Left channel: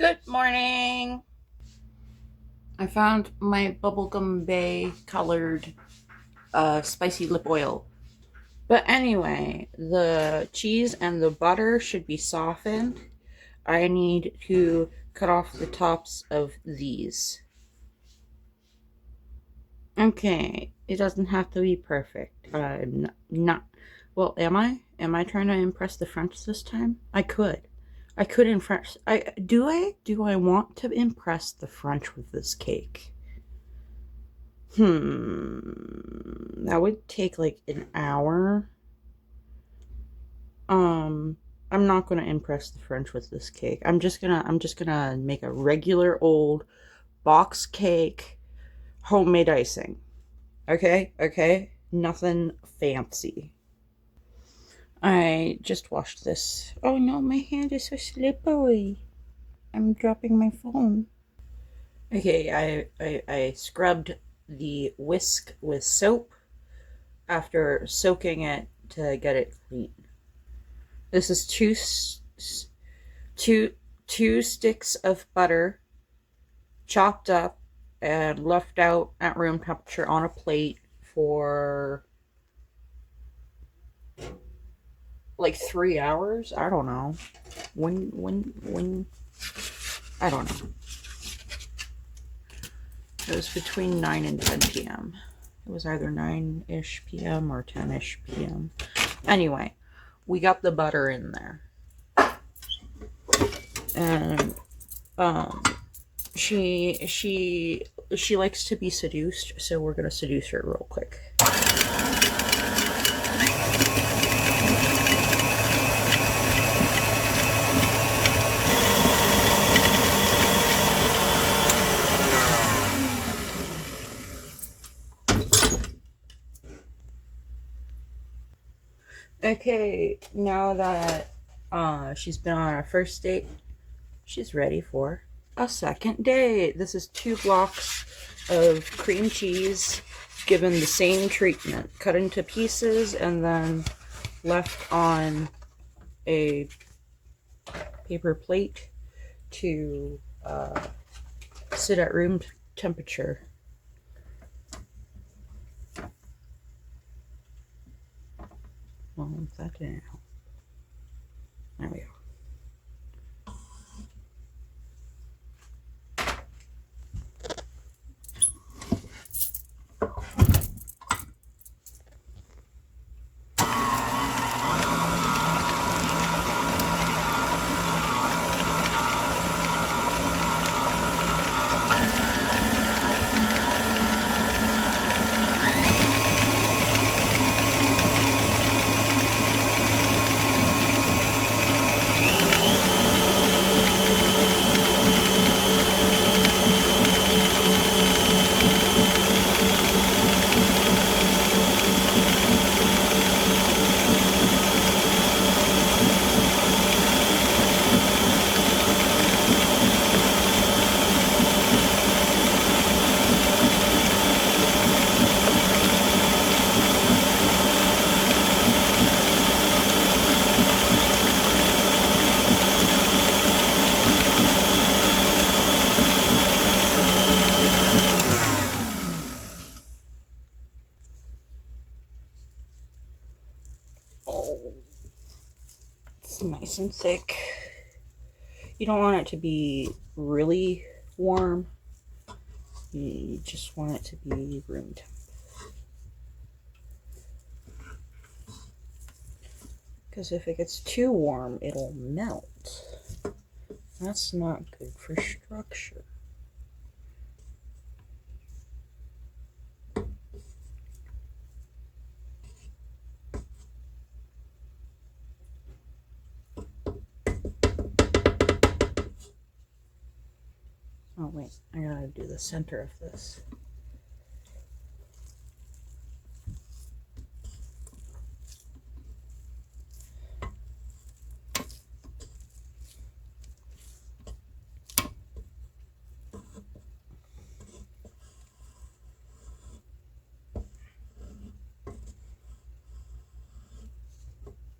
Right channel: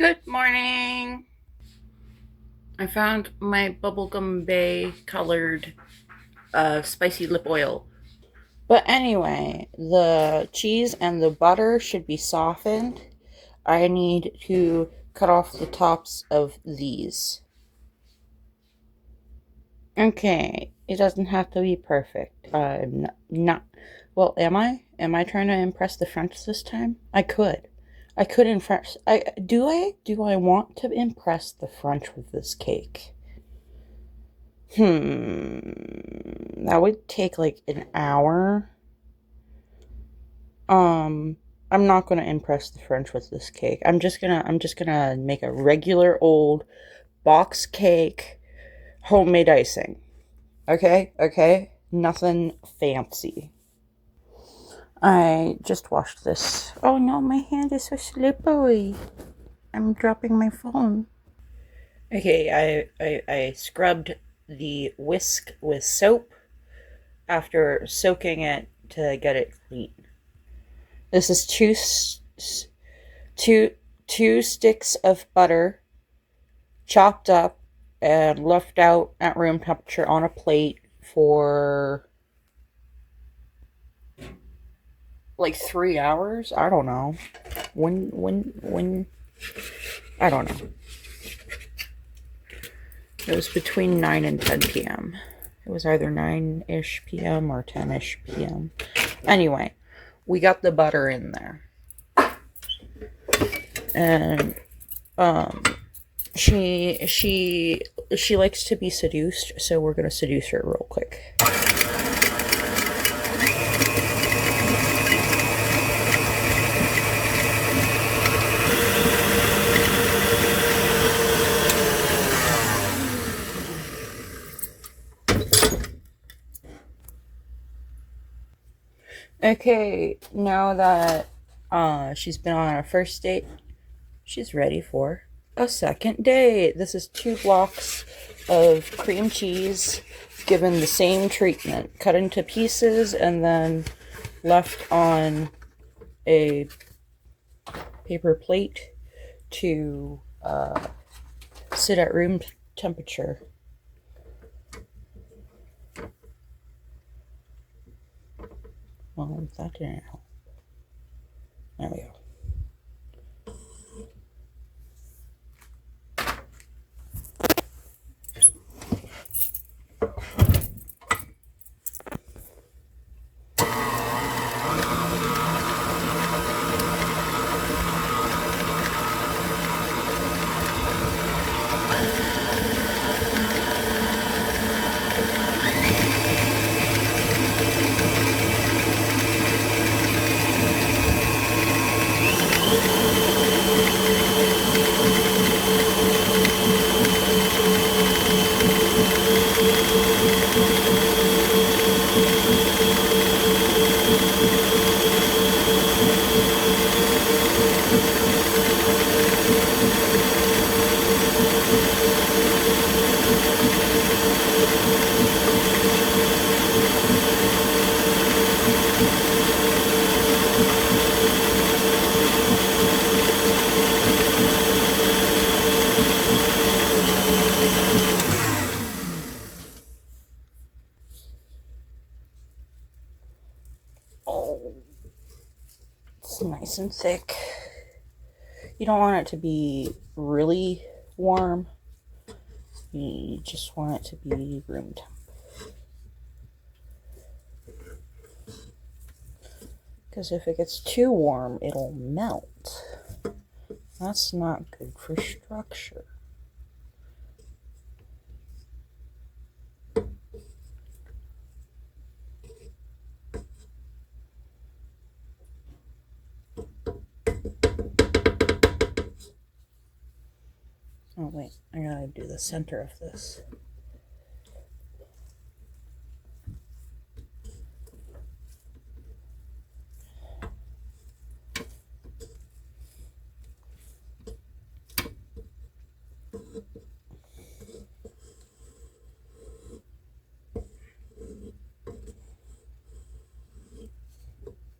Good morning. I found my bubblegum bay colored spicy lip oil. But anyway, the cheese and the butter should be softened. I need to cut off the tops of these. Okay, it doesn't have to be perfect. I'm not. Well, am I? Am I trying to impress the French this time? I could. I could impress. Do I want to impress the French with this cake? That would take like an hour. Um, I'm not gonna impress the French with this cake. I'm just gonna make a regular old box cake, homemade icing. Okay? Okay? Nothing fancy. I just washed this. Oh no, my hand is so slippery. I'm dropping my phone. Okay, I scrubbed the whisk with soap after soaking it to get it clean. This is two two sticks of butter chopped up and left out at room temperature on a plate for like 3 hours. I don't know. When I don't know. It was between 9 and 10 p.m. It was either 9-ish p.m. or 10-ish p.m. Anyway, we got the butter in there. And she likes to be seduced, so we're gonna seduce her real quick. Okay, now that she's been on a first date, she's ready for a second date. This is 2 blocks of cream cheese given the same treatment, cut into pieces and then left on a paper plate to sit at room temperature. Well, that didn't help. There we go. Oh, it's nice and thick. You don't want it to be really warm. You just want it to be room temp. Because if it gets too warm, it'll melt. That's not good for structure. Oh wait, I gotta do the center of this.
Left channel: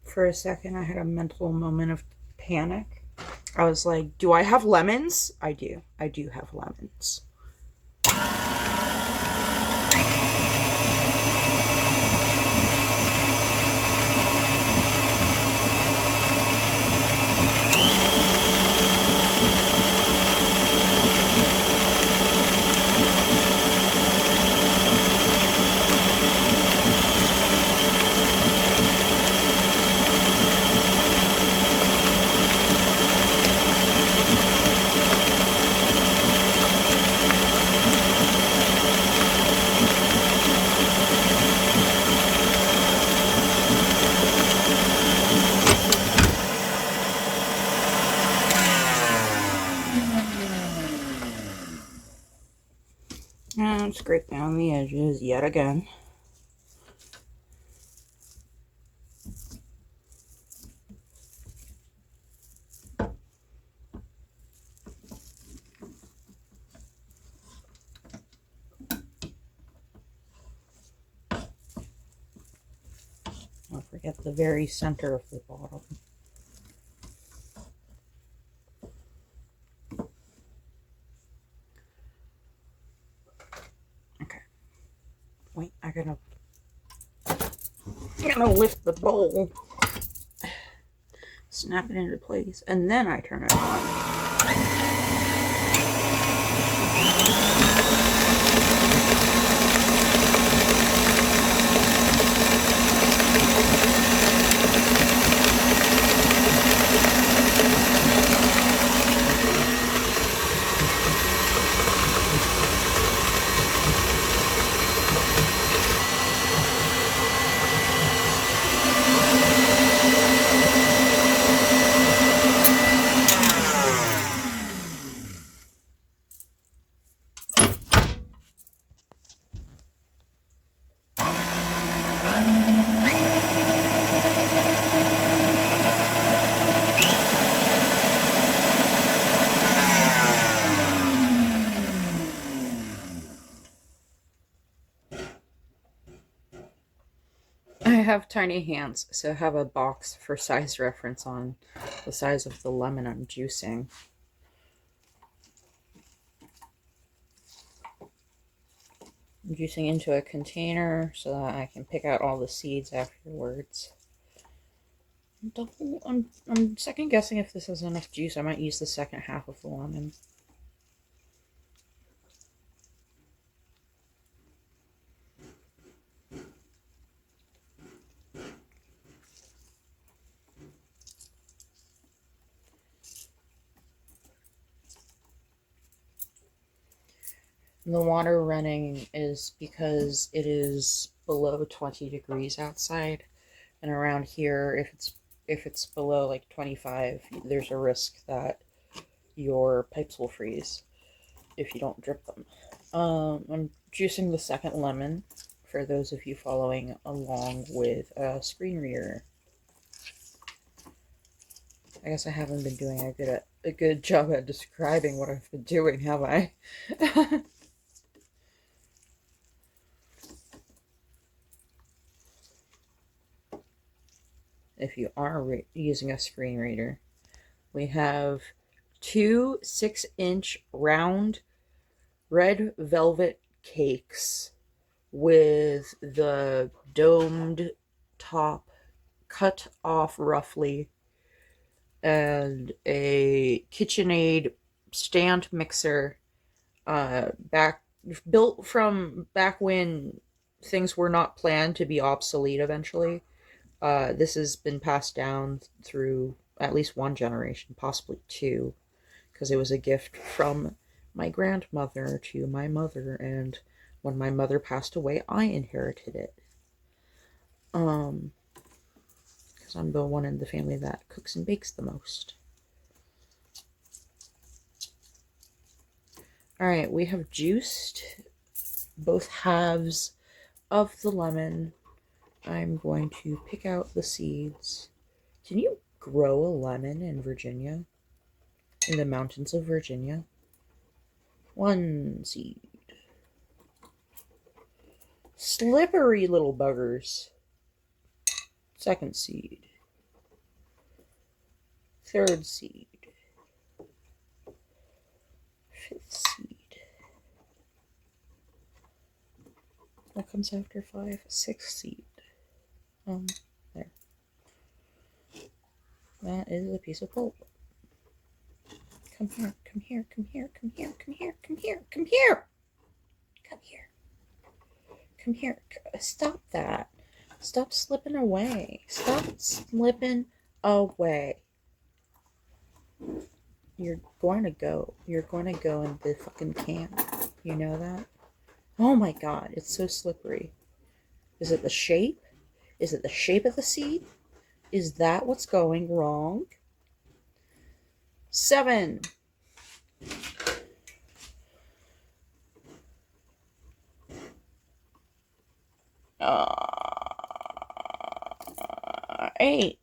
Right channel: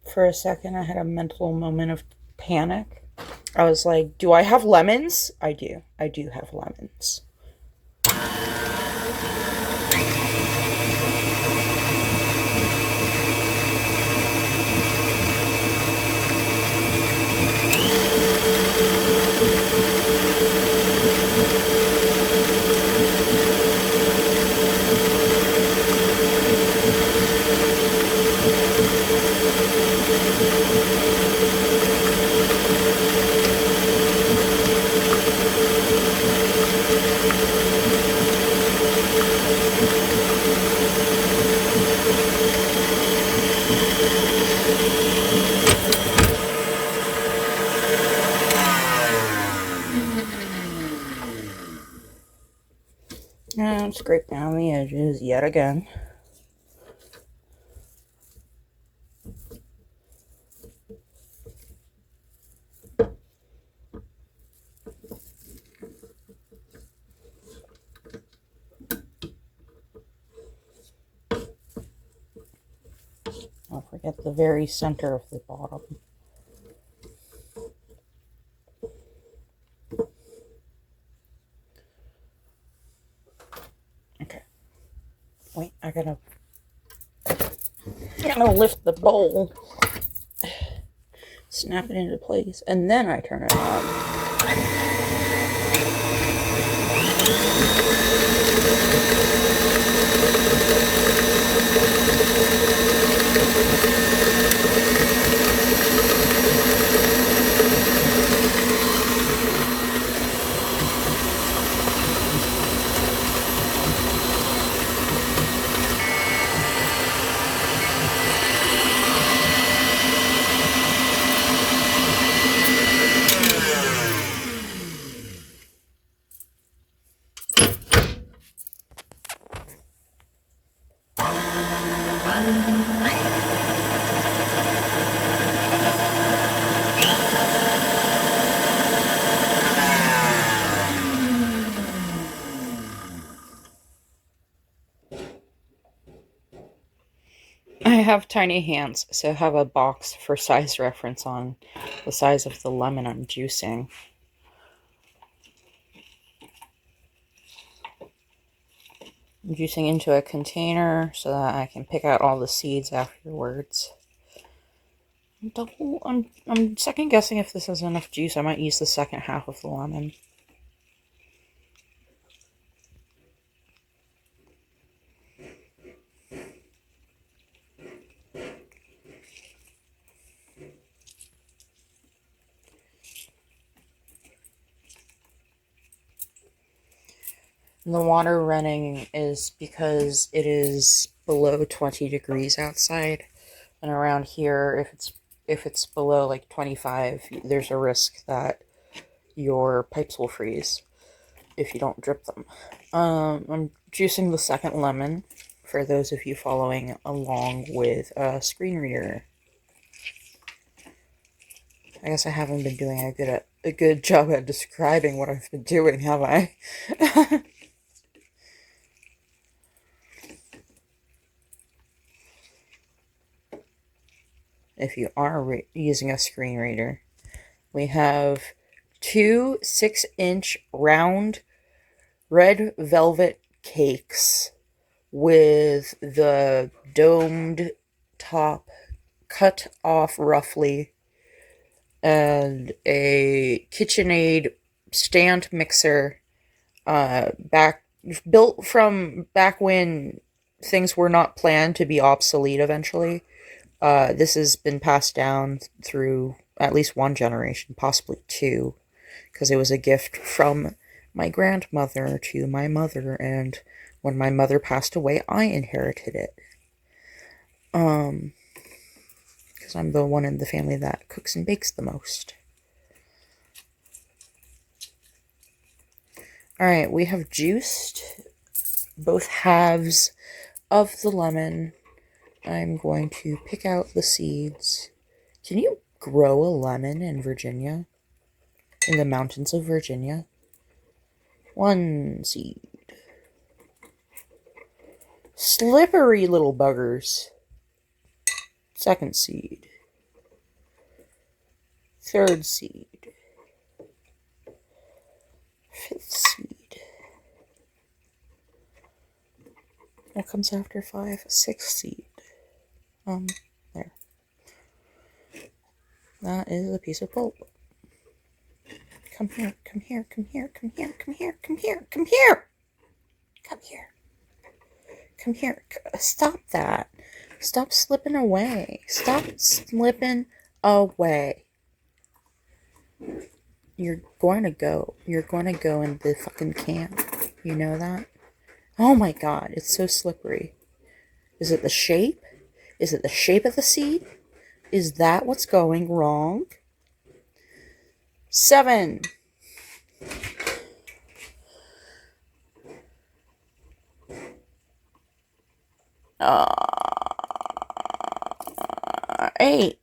For a second, I had a mental moment of panic. I was like, do I have lemons? I do. I do have lemons. And scrape down the edges yet again. Don't forget the very center of the bottom. Okay. Wait, I'm gonna lift the bowl, snap it into place, and then I turn it on. I have tiny hands, so I have a box for size reference on the size of the lemon I'm juicing. I'm juicing into a container so that I can pick out all the seeds afterwards. I'm second guessing if this has enough juice. I might use the second half of the lemon. And the water running is because it is below 20 degrees outside, and around here, if it's below like 25, there's a risk that your pipes will freeze if you don't drip them. I'm juicing the second lemon for those of you following along with a screen reader. I guess I haven't been doing a good job at describing what I've been doing, have I? If you are using a screen reader, we have 2 6-inch round red velvet cakes with the domed top cut off roughly, and a KitchenAid stand mixer built from back when things were not planned to be obsolete eventually. This has been passed down through at least one generation, possibly two, because it was a gift from my grandmother to my mother, and when my mother passed away, I inherited it. Because I'm the one in the family that cooks and bakes the most. Alright, we have juiced both halves of the lemon. I'm going to pick out the seeds. Can you grow a lemon in Virginia? In the mountains of Virginia? 1 seed. Slippery little buggers. 2nd seed. 3rd seed. What comes after 5? 6 seed. There. That is a piece of pulp. Come here, come here, come here, come here, come here, come here, come here! Come here. Come here. Stop that. Stop slipping away. Stop slipping away. You're going to go. You're going to go in the fucking can. You know that? Oh my god, it's so slippery. Is it the shape? Is it the shape of the seed? Is that what's going wrong? 7. 8.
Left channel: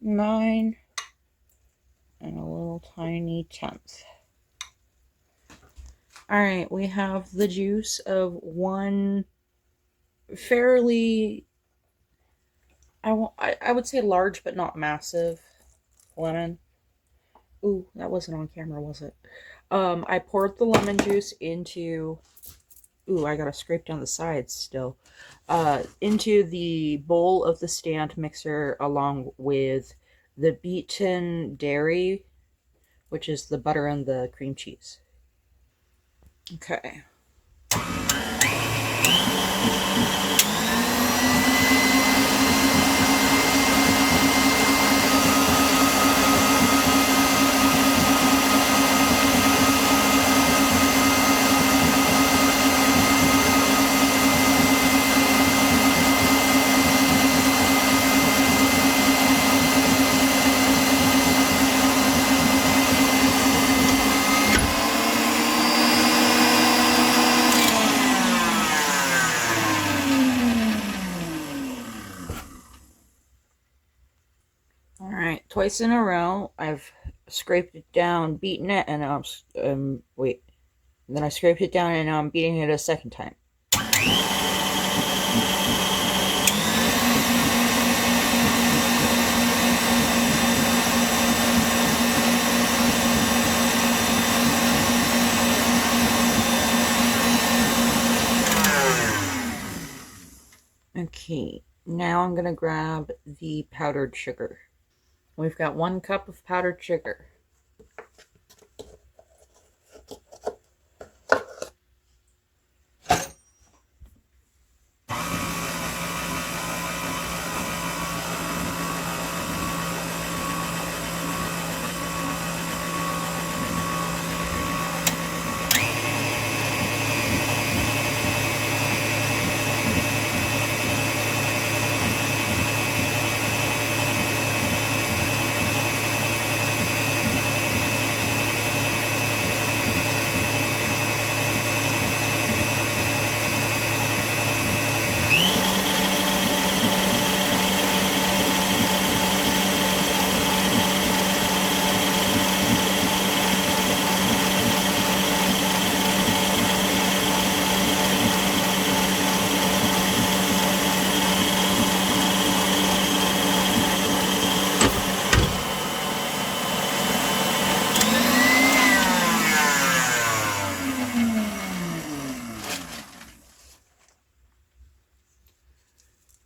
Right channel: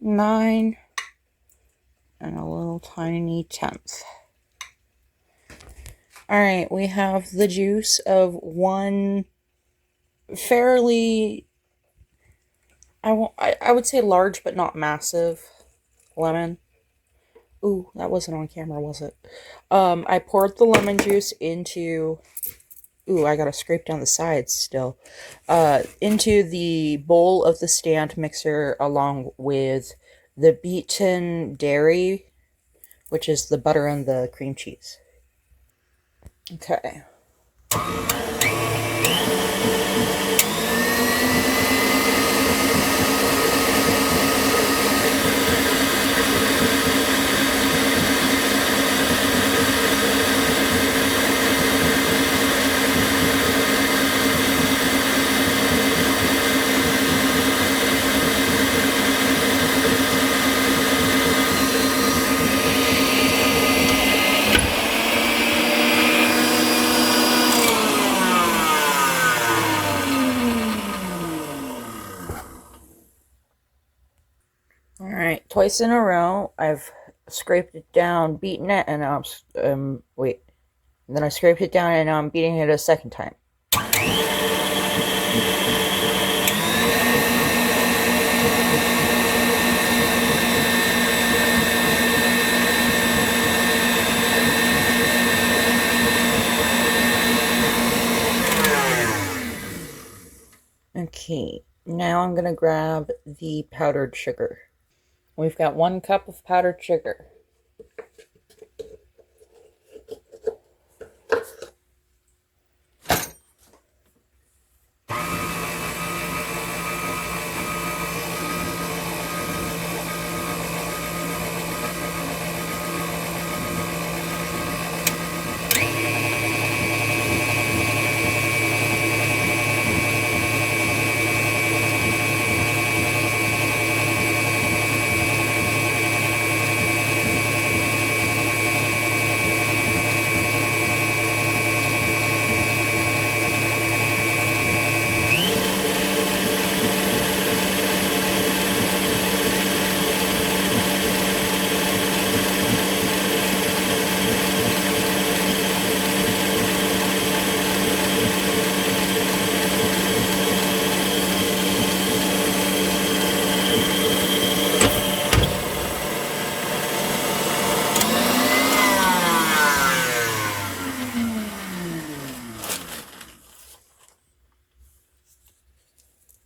9. And a little tiny 10th. Alright, we have the juice of one fairly, I would say large but not massive lemon. Ooh, that wasn't on camera, was it? I poured the lemon juice into, ooh, I gotta scrape down the sides still, into the bowl of the stand mixer along with the beaten dairy, which is the butter and the cream cheese. Okay. Alright, twice in a row, I've scraped it down, beaten it, and now I'm, wait. And then I scraped it down, and now I'm beating it a second time. Okay, now I'm going to grab the powdered sugar. We've got 1 cup of powdered sugar.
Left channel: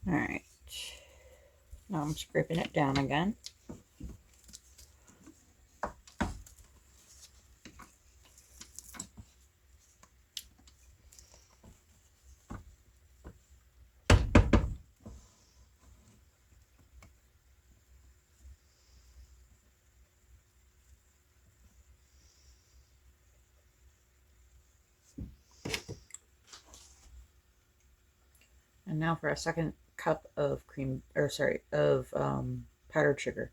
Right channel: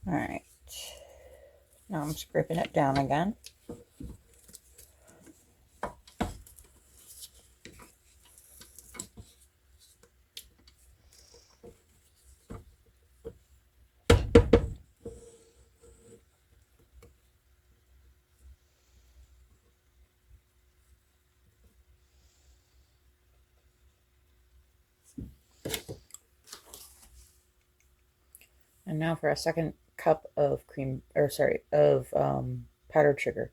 Alright, now I'm scraping it down again. And now for a second cup of powdered sugar.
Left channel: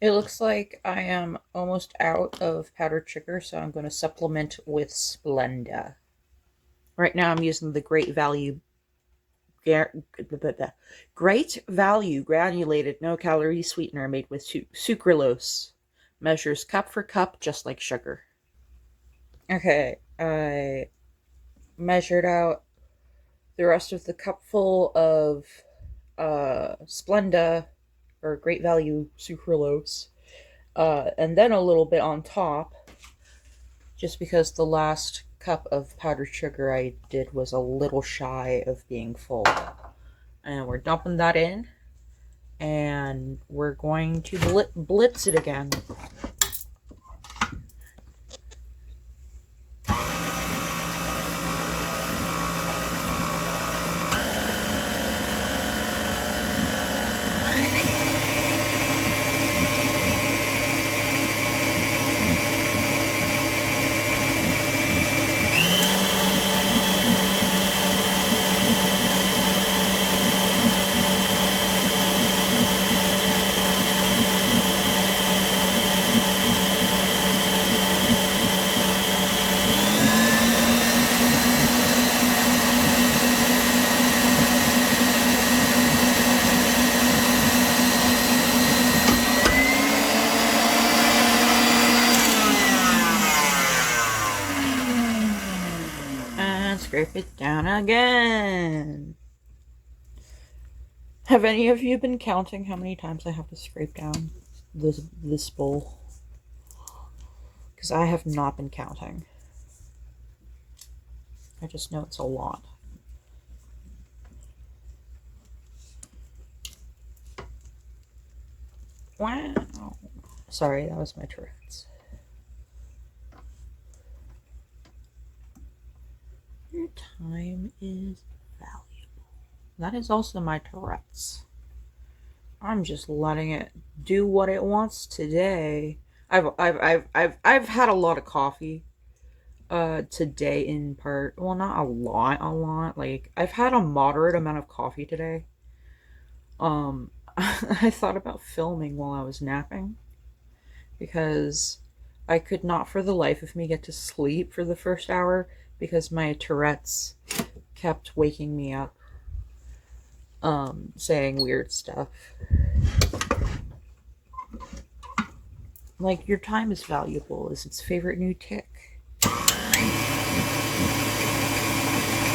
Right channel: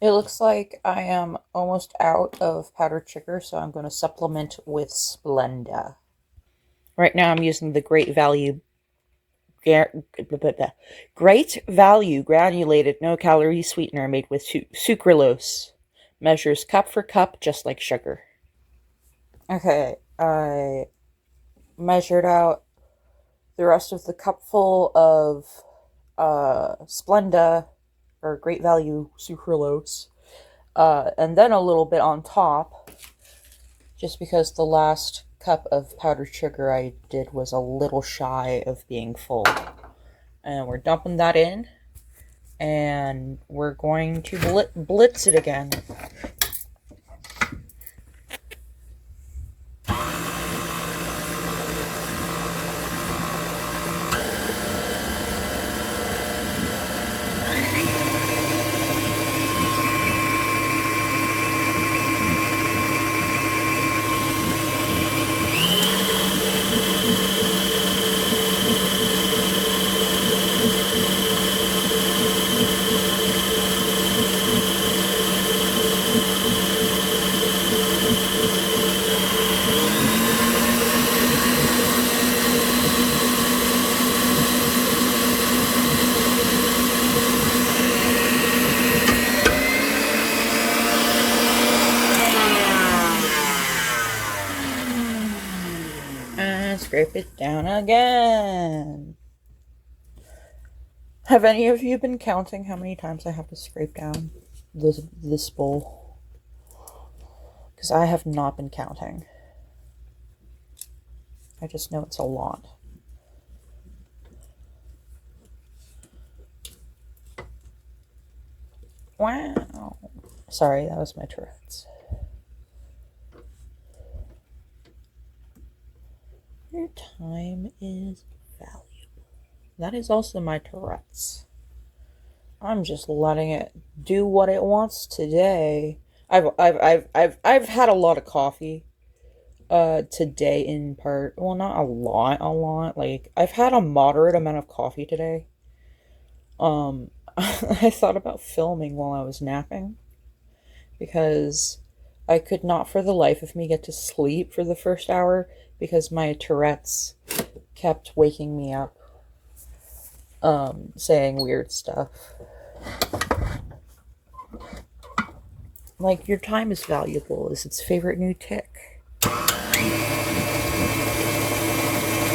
It looks like I am almost out of powdered sugar, so I'm going to supplement with Splenda. Right now I'm using the Great Value granulated no-calorie sweetener made with sucralose. Measures cup for cup, just like sugar. Okay, I measured out the rest of the cupful of Splenda, or Great Value sucralose, and then a little bit on top, just because the last cup of powdered sugar I did was a little shy of being full. And we're dumping that in, and we're going to blitz it again. And scrape it down again. Have any of you been counting how many times I have to scrape down this bowl? Because I have not been counting. I just know it's a lot. Wow. Sorry, that was my Tourette's. Your time is valuable. That is also my Tourette's. I'm just letting it do what it wants today. I've had a lot of coffee today in part. Well, not a lot. Like, I've had a moderate amount of coffee today. I thought about filming while I was napping because I could not for the life of me get to sleep for the first hour because my Tourette's kept waking me up, saying weird stuff. Like, your time is valuable is its favorite new tick.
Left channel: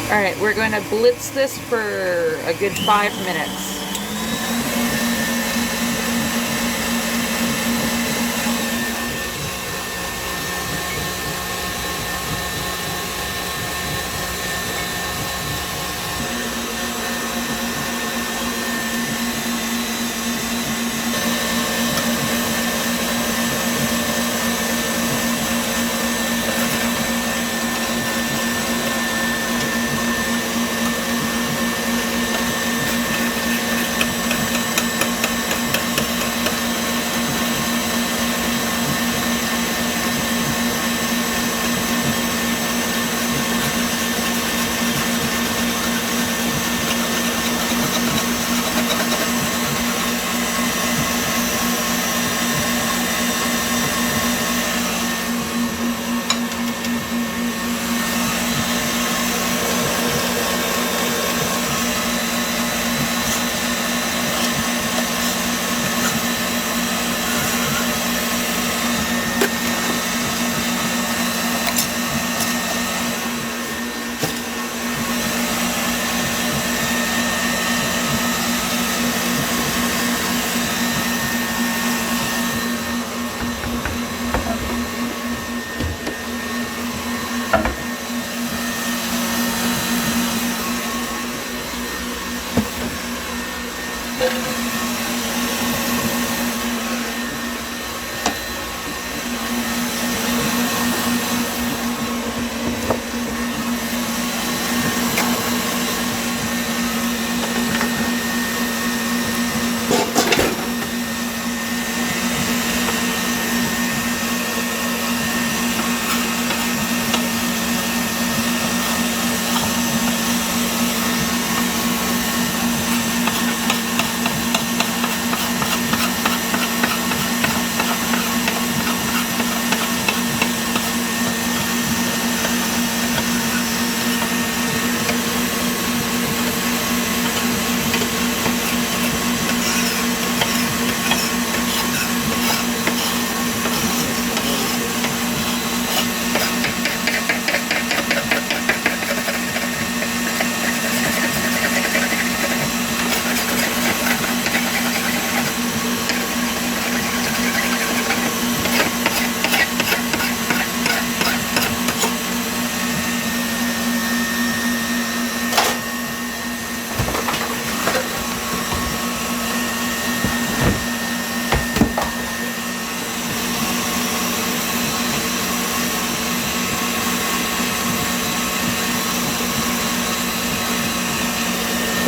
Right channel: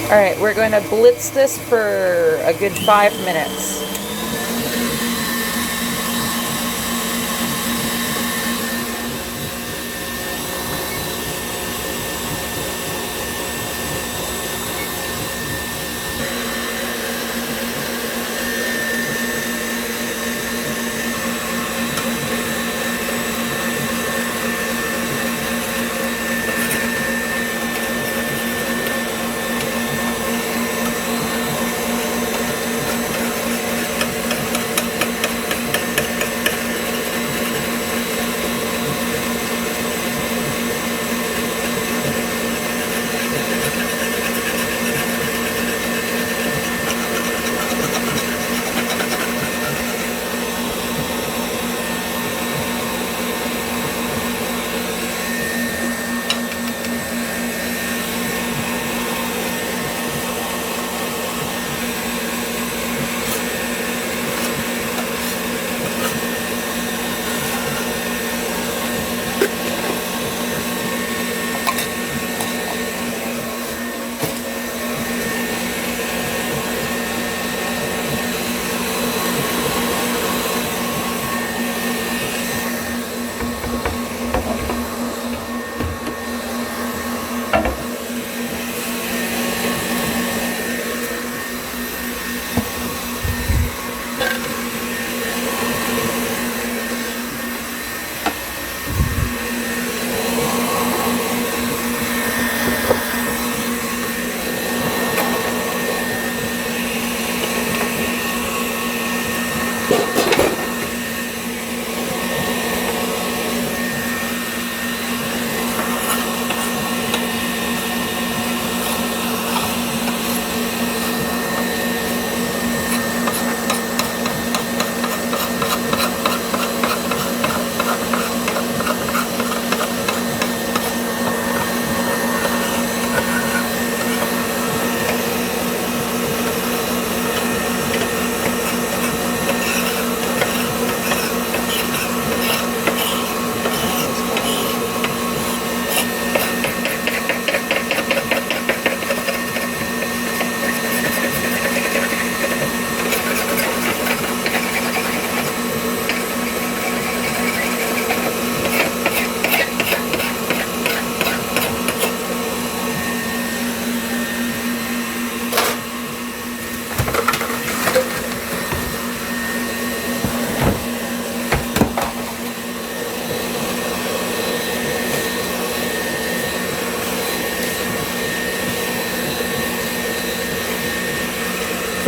Alright, we're going to blitz this for a good 5 minutes.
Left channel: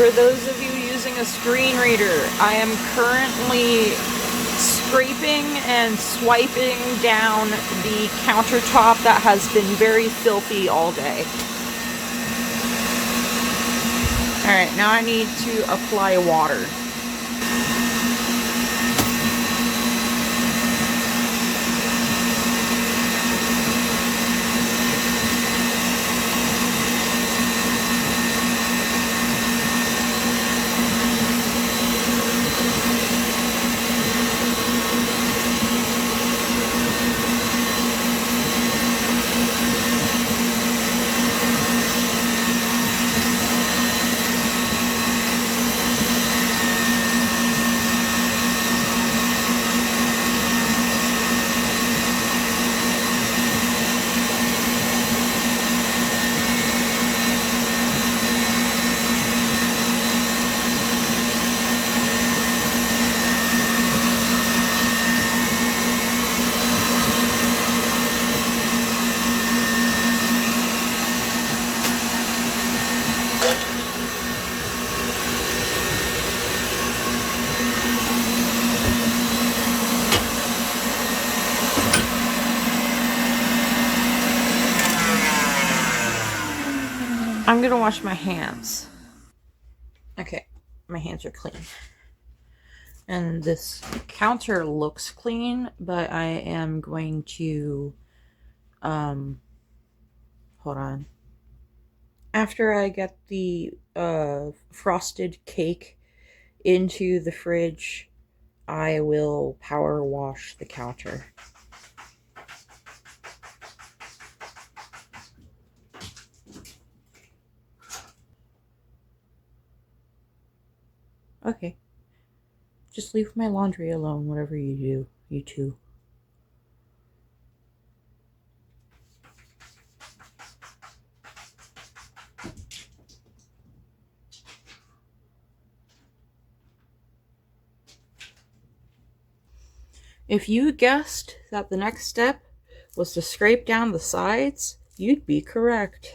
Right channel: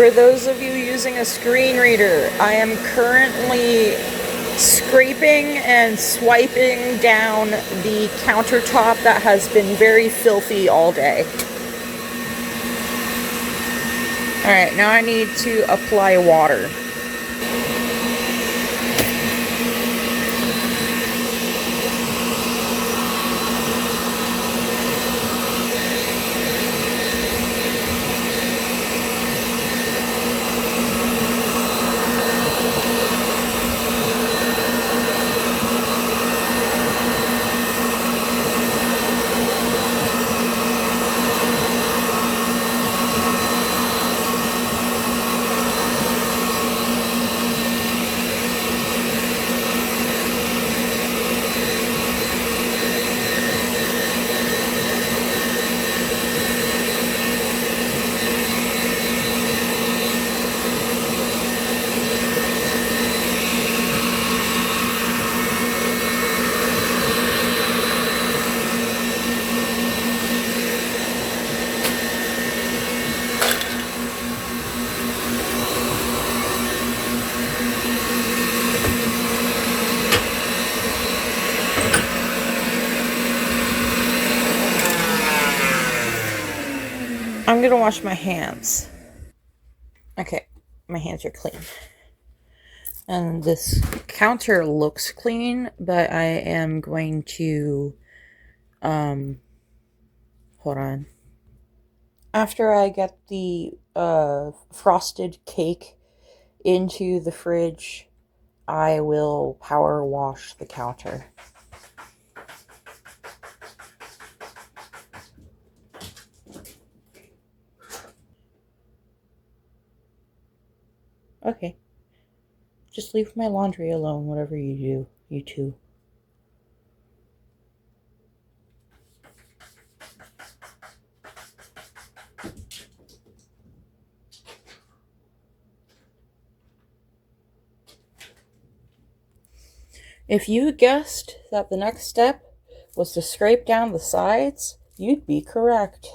For those of you using a screen reader, I am currently scraping and swiping down the countertop that has been very filthy all day. Alright, now I need to apply water. I'm gonna wash my hands. Okay, my hands are clean. And this counter looks clean, but I am going to, hold on. After I get the, frosted cake into the fridge, I will power wash the counter. Okay. Just leave my laundry alone, whatever you do, you two. If you guessed that the next step was to scrape down the sides, you'd be correct.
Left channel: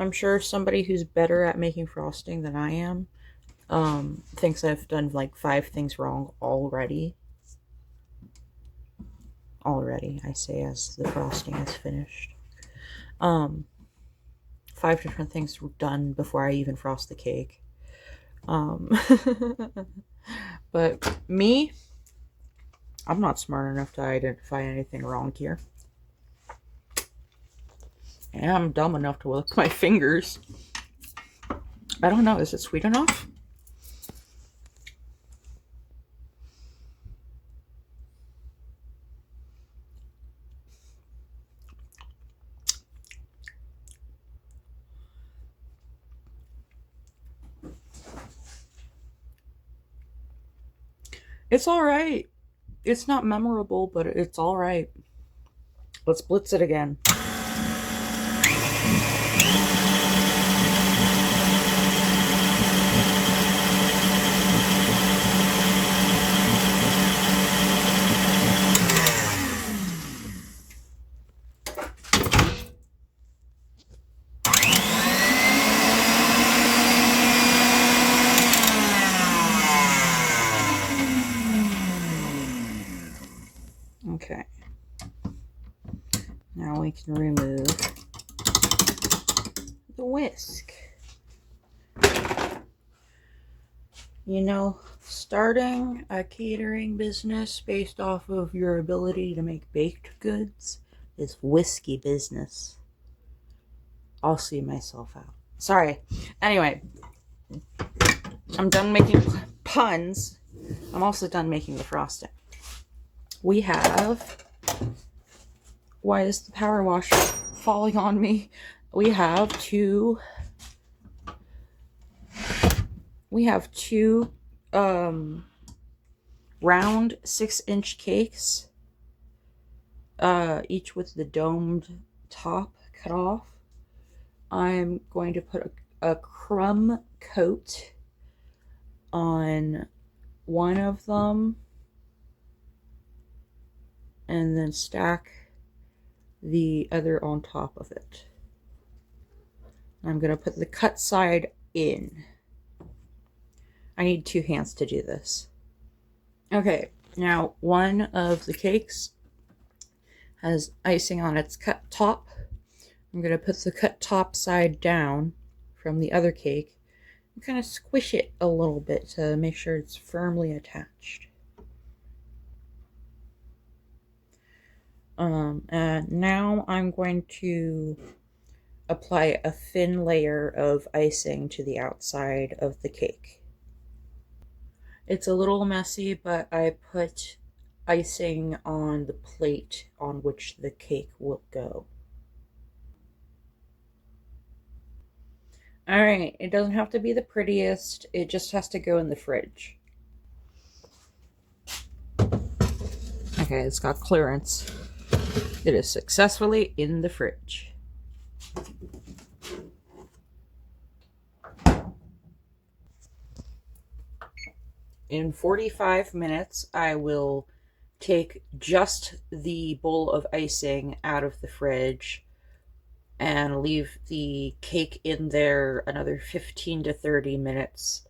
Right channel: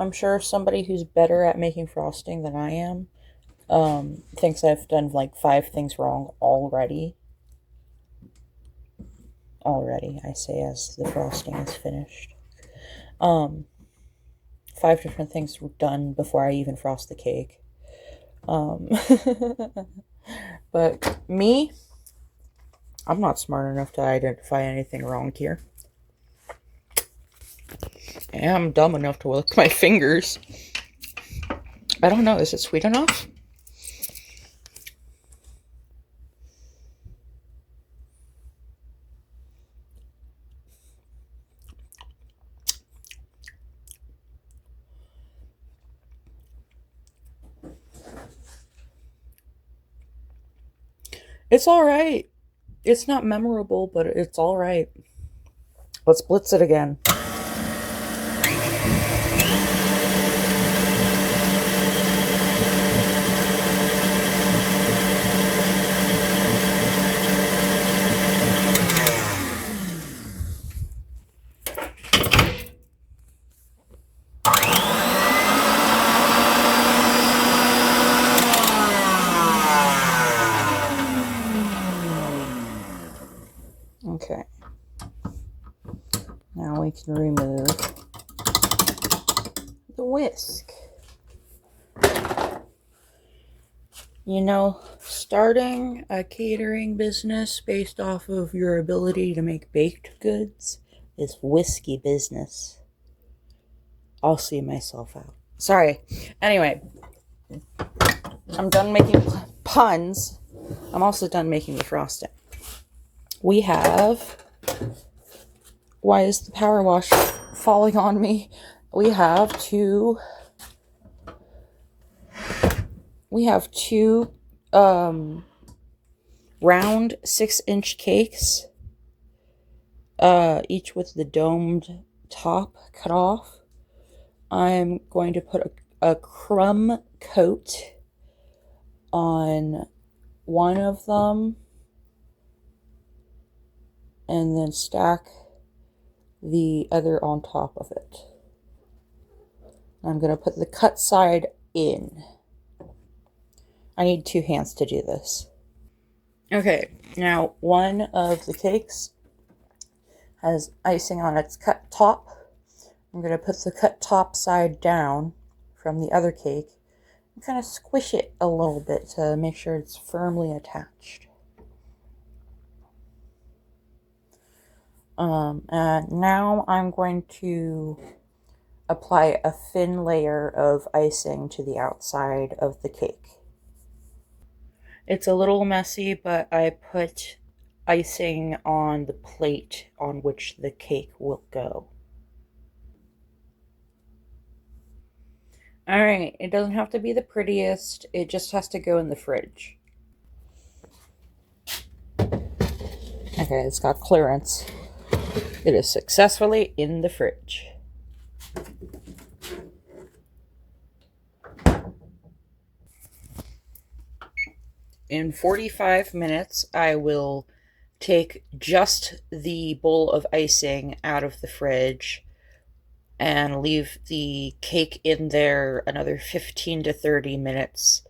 I'm sure somebody who's better at making frosting than I am thinks I've done like 5 things wrong already. Already, I say, as the frosting is finished. 5 different things were done before I even frost the cake. But me, I'm not smart enough to identify anything wrong here. And I'm dumb enough to lick my fingers. I don't know, is it sweet enough? It's alright. It's not memorable, but it's alright. Let's blitz it again. Okay. Now we can remove the whisk. You know, starting a catering business based off of your ability to make baked goods is whiskey business. I'll see myself out. Sorry. Anyway, I'm done making puns. I'm also done making the frosting. We have... Why is the power wash falling on me? We have two round 6-inch cakes, each with the domed top cut off. I'm going to put a crumb coat on one of them and then stack the other on top of it. I'm going to put the cut side in. I need 2 hands to do this. Okay, now one of the cakes has icing on its cut top. I'm going to put the cut top side down from the other cake and kind of squish it a little bit to make sure it's firmly attached. And now I'm going to apply a thin layer of icing to the outside of the cake. It's a little messy, but I put icing on the plate on which the cake will go. Alright, it doesn't have to be the prettiest, it just has to go in the fridge. Okay, it's got clearance. It is successfully in the fridge. In 45 minutes, I will take just the bowl of icing out of the fridge and leave the cake in there another 15 to 30 minutes.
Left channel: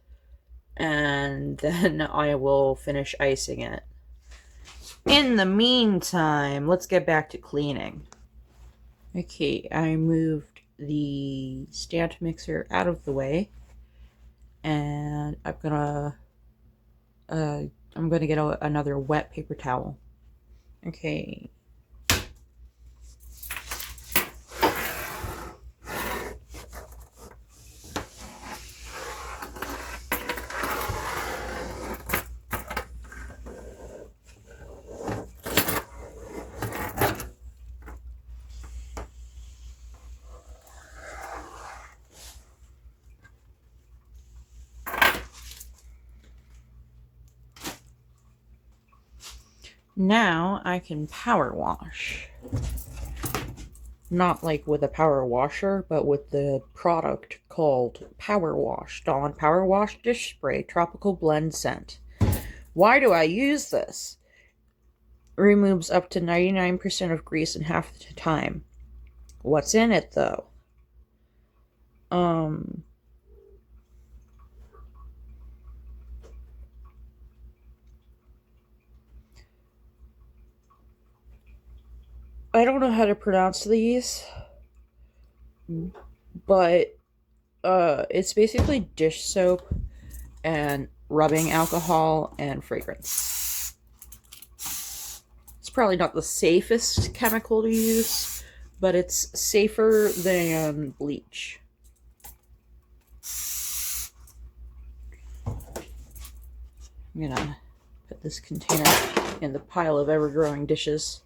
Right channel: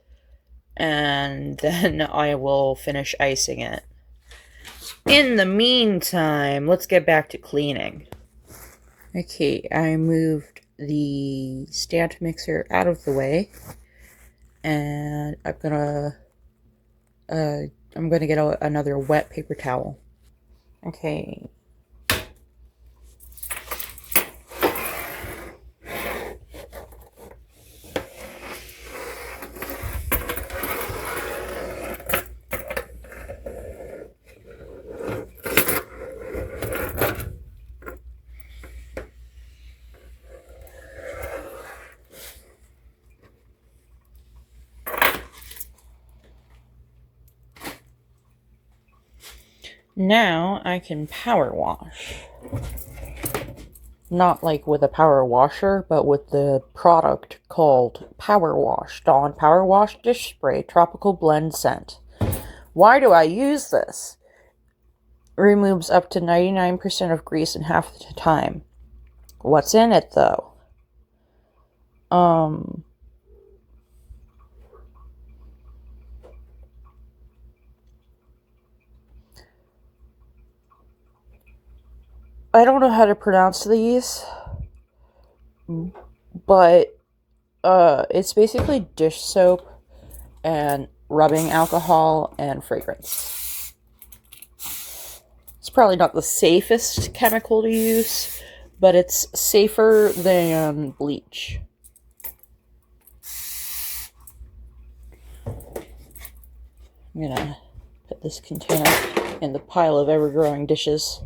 And then I will finish icing it. In the meantime, let's get back to cleaning. Okay, I moved the stand mixer out of the way. And I'm gonna get another wet paper towel. Okay. Now I can power wash. Not like with a power washer, but with the product called Power Wash. Dawn Power Wash Dish Spray Tropical Blend Scent. Why do I use this? Removes up to 99% of grease in half the time. What's in it though? I don't know how to pronounce these, but it's basically dish soap and rubbing alcohol and fragrance. It's probably not the safest chemical to use, but it's safer than bleach. I'm gonna put this container in the pile of ever-growing dishes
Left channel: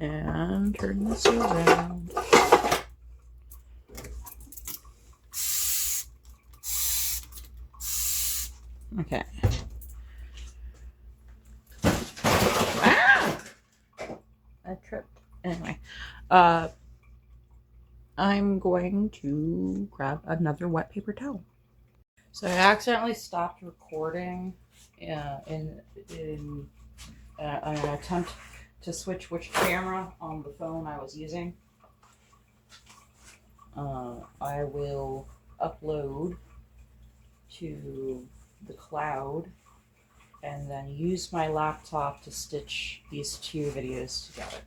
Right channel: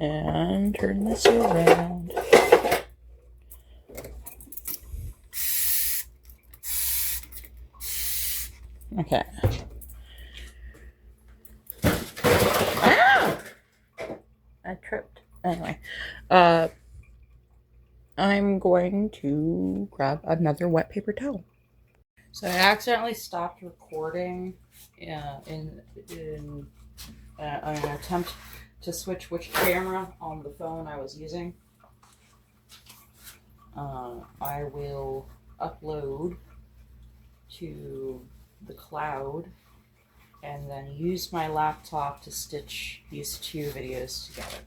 and turn this around. Okay. Ah! I tripped. Anyway, I'm going to grab another wet paper towel. So I accidentally stopped recording in an attempt to switch which camera on the phone I was using. I will upload to the cloud and then use my laptop to stitch these 2 videos together,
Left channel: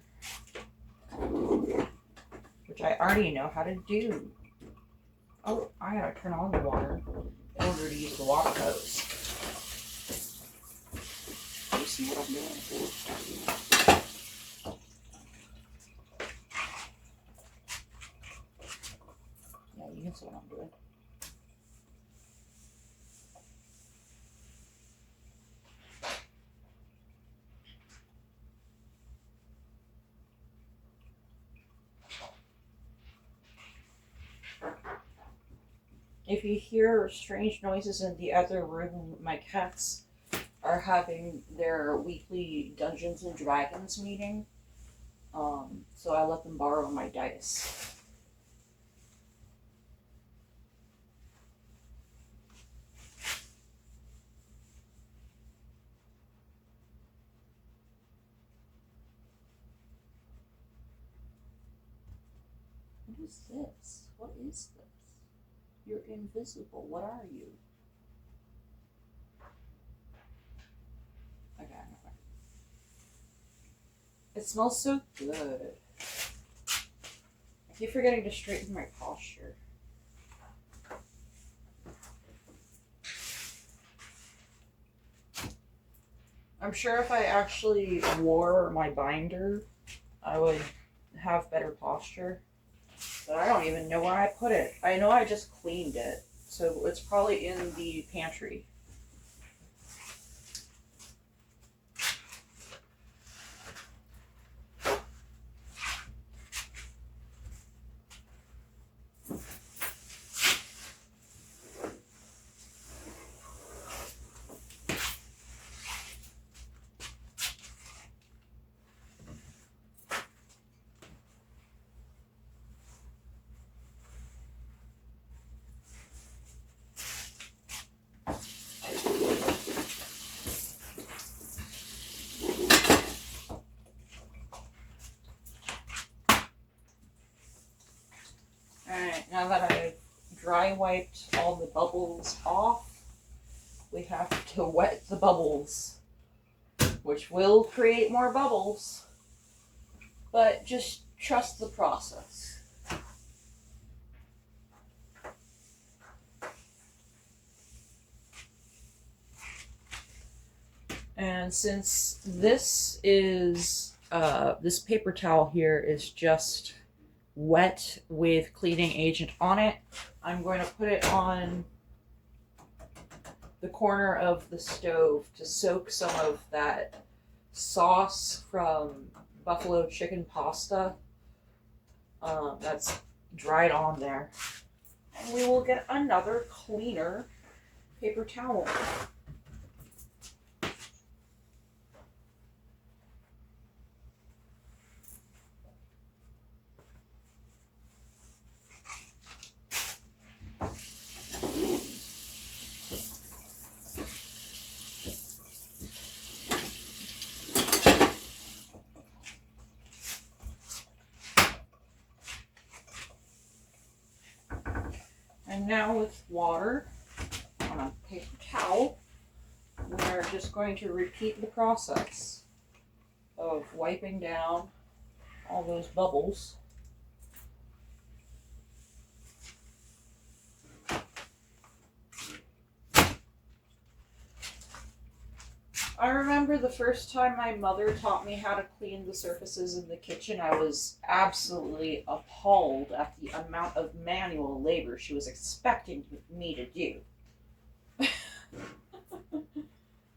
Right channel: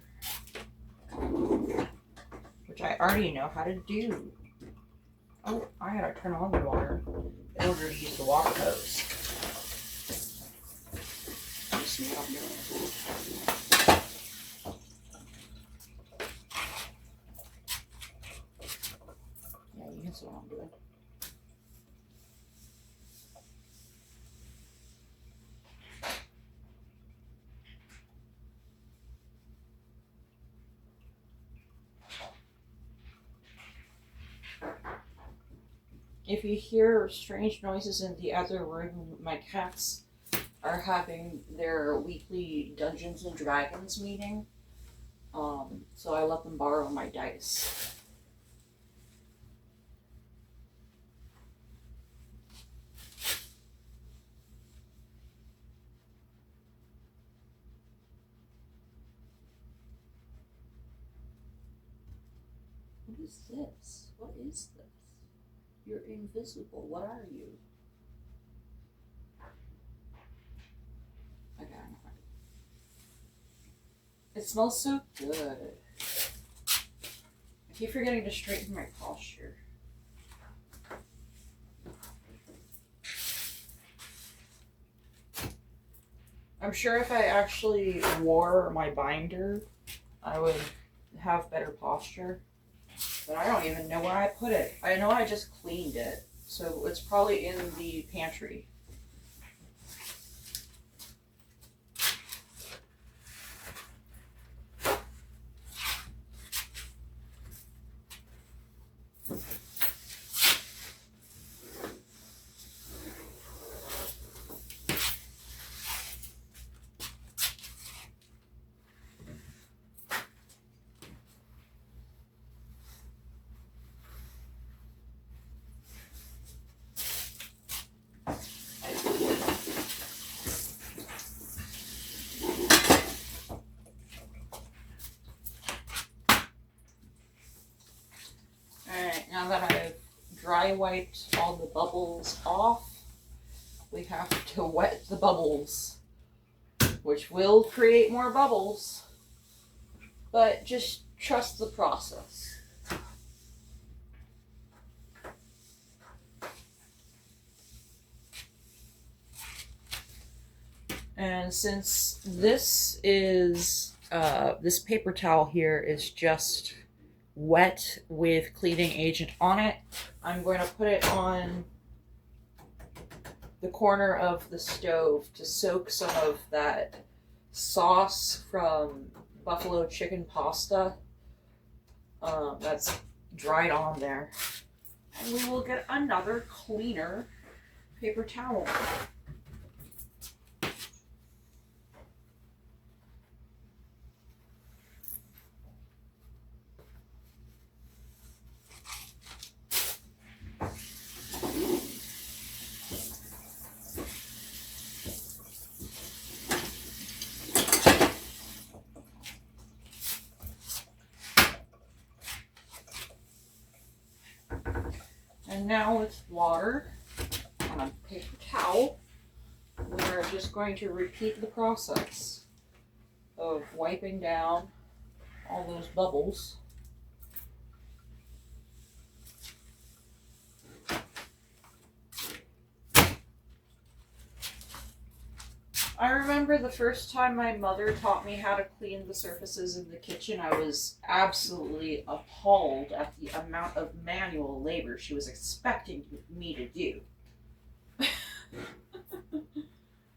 which I already know how to do. Oh, I gotta turn on the water in order to use the water hose. You see what I'm doing? Yeah, you can see what I'm doing. If you hear strange noises in the other room, my cats are having their weekly Dungeons and Dragons meeting. So I let them borrow my dice. What is this? What is this? You're invisible. What are you? Okay, I'm fine. It smells so good. I keep forgetting to straighten my posture. I'm sure if I actually wore my binder, I would have better posture. But I don't even know where I put it. I know I just cleaned it, so it's probably in the pantry. Alright, now that I've dry wiped all the bubbles off, we have to wet the bubbles, which will create more bubbles, but just trust the process. And since this is, this paper towel here is just wet with cleaning agent on it, I'm going to put it on the corner of the stove to soak some of that sauce from buffalo chicken pasta that's dried on there. And we will get another cleaner paper towel. And now with water on a paper towel, we are just going to repeat the process of wiping down all those bubbles. I remember the first time my mother taught me how to clean the surfaces in the kitchen, I was absolutely appalled at the amount of manual labor she was expecting me to do.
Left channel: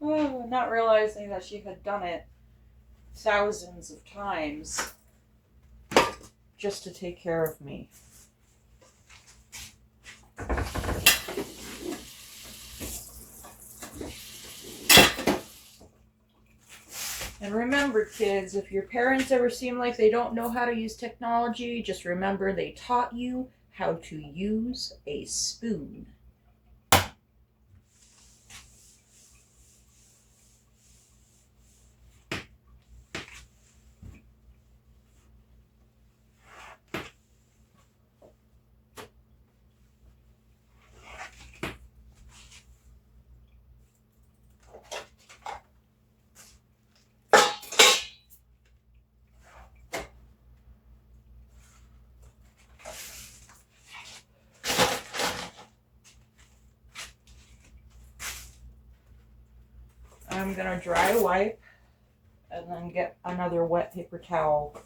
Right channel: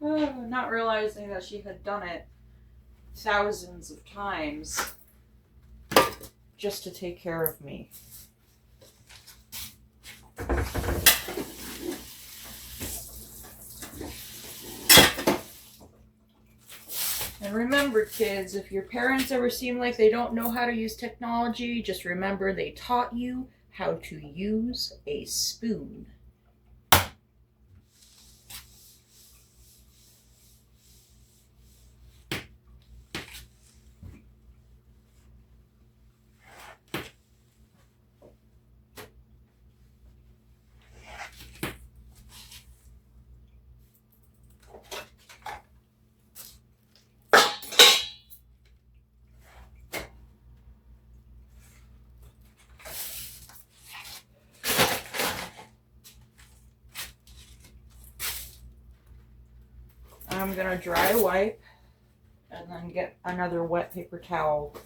Not realizing that she had done it thousands of times just to take care of me. And remember, kids, if your parents ever seem like they don't know how to use technology, just remember they taught you how to use a spoon. I'm going to dry wipe and then get another wet paper towel.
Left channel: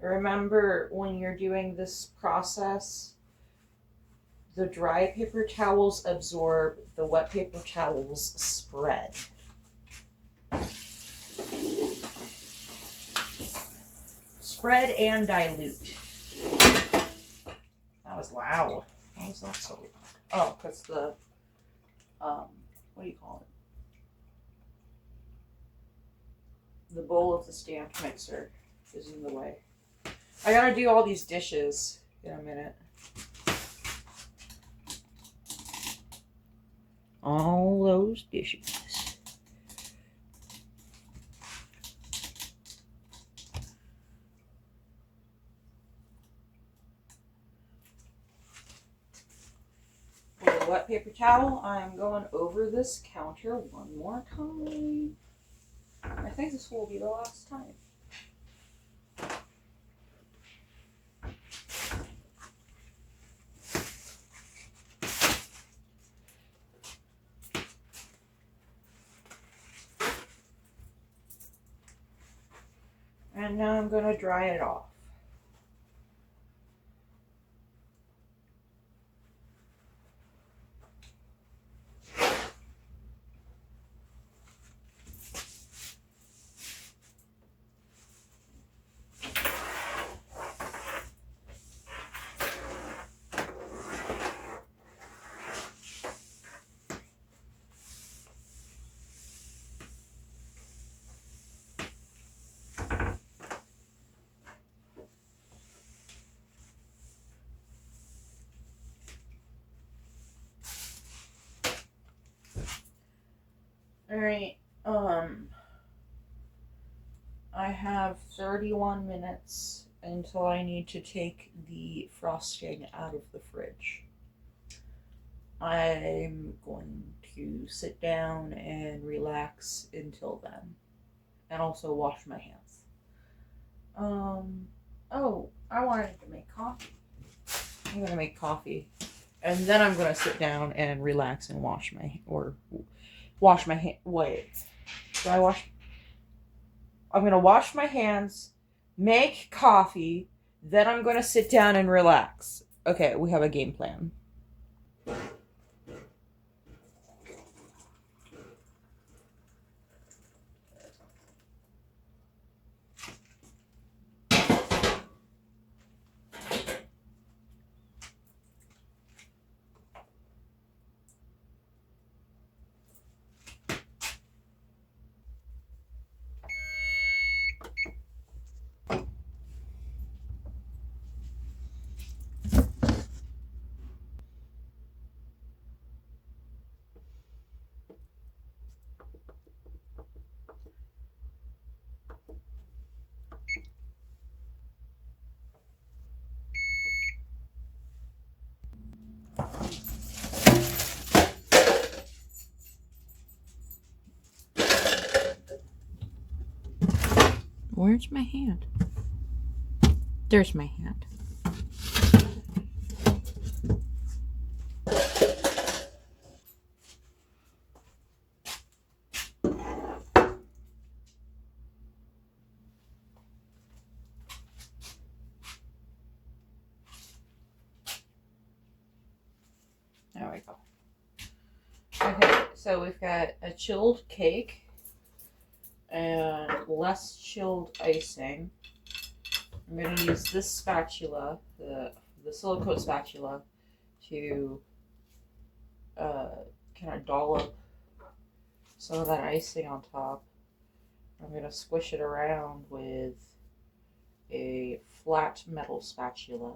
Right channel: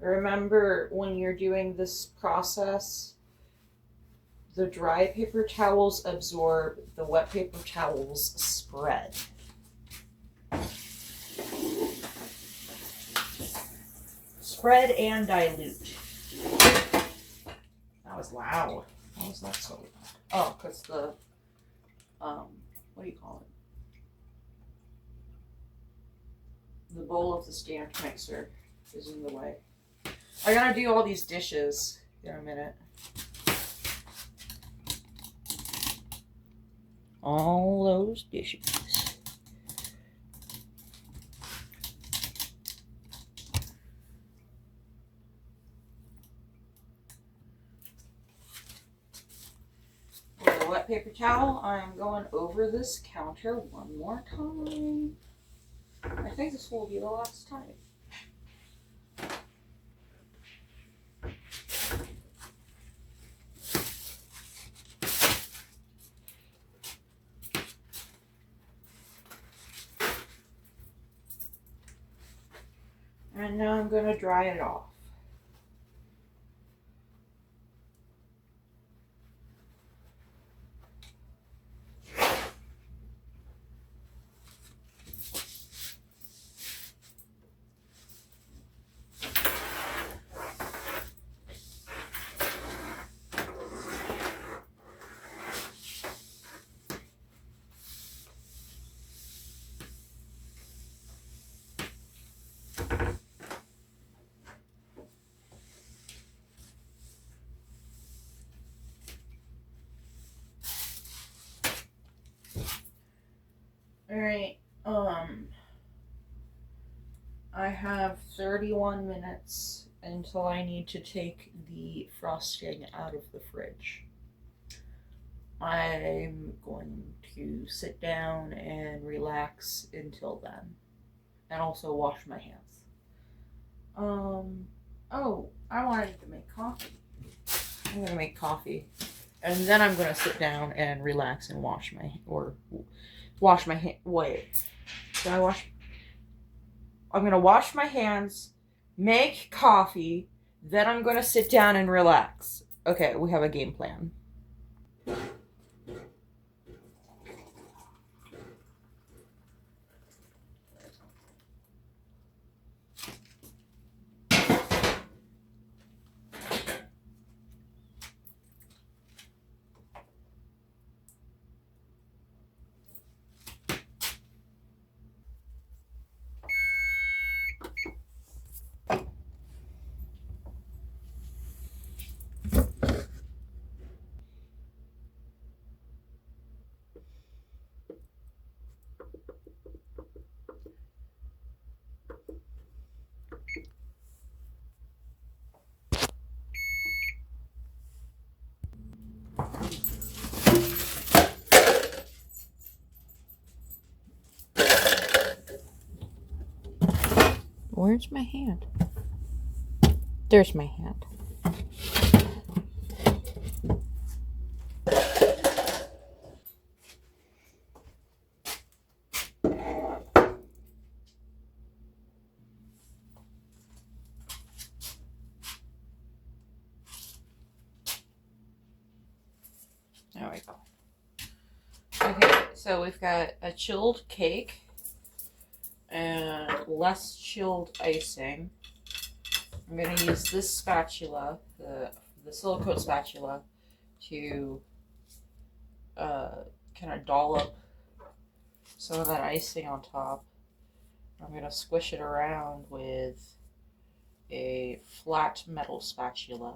Remember, when you're doing this process, the dry paper towels absorb, the wet paper towels spread. Spread and dilute. That was loud. Why was that so loud? Oh, because the, what do you call it? bowl of the stand mixer is in the way. I gotta do all these dishes in a minute. All those dishes. With a wet paper towel, I'm going over this counter one more time. I think this will be the last time. And now I'm going to dry it off. Alright, I have 31 minutes until I need to take the frosting out of the fridge. I'm going to sit down and relax until then, and also wash my hands. Oh, I wanted to make coffee. I'm gonna make coffee, and then I'm gonna sit down and relax and wash my hand. Wait, do I wash? I'm gonna wash my hands, make coffee, then I'm gonna sit down and relax. Okay, we have a game plan. Where's my hand? There's my hand. There we go. Okay, so we've got a chilled cake and less chilled icing. I'm going to use this spatula, the silicone spatula, to kind of dollop some of that icing on top. I'm going to squish it around with a flat metal spatula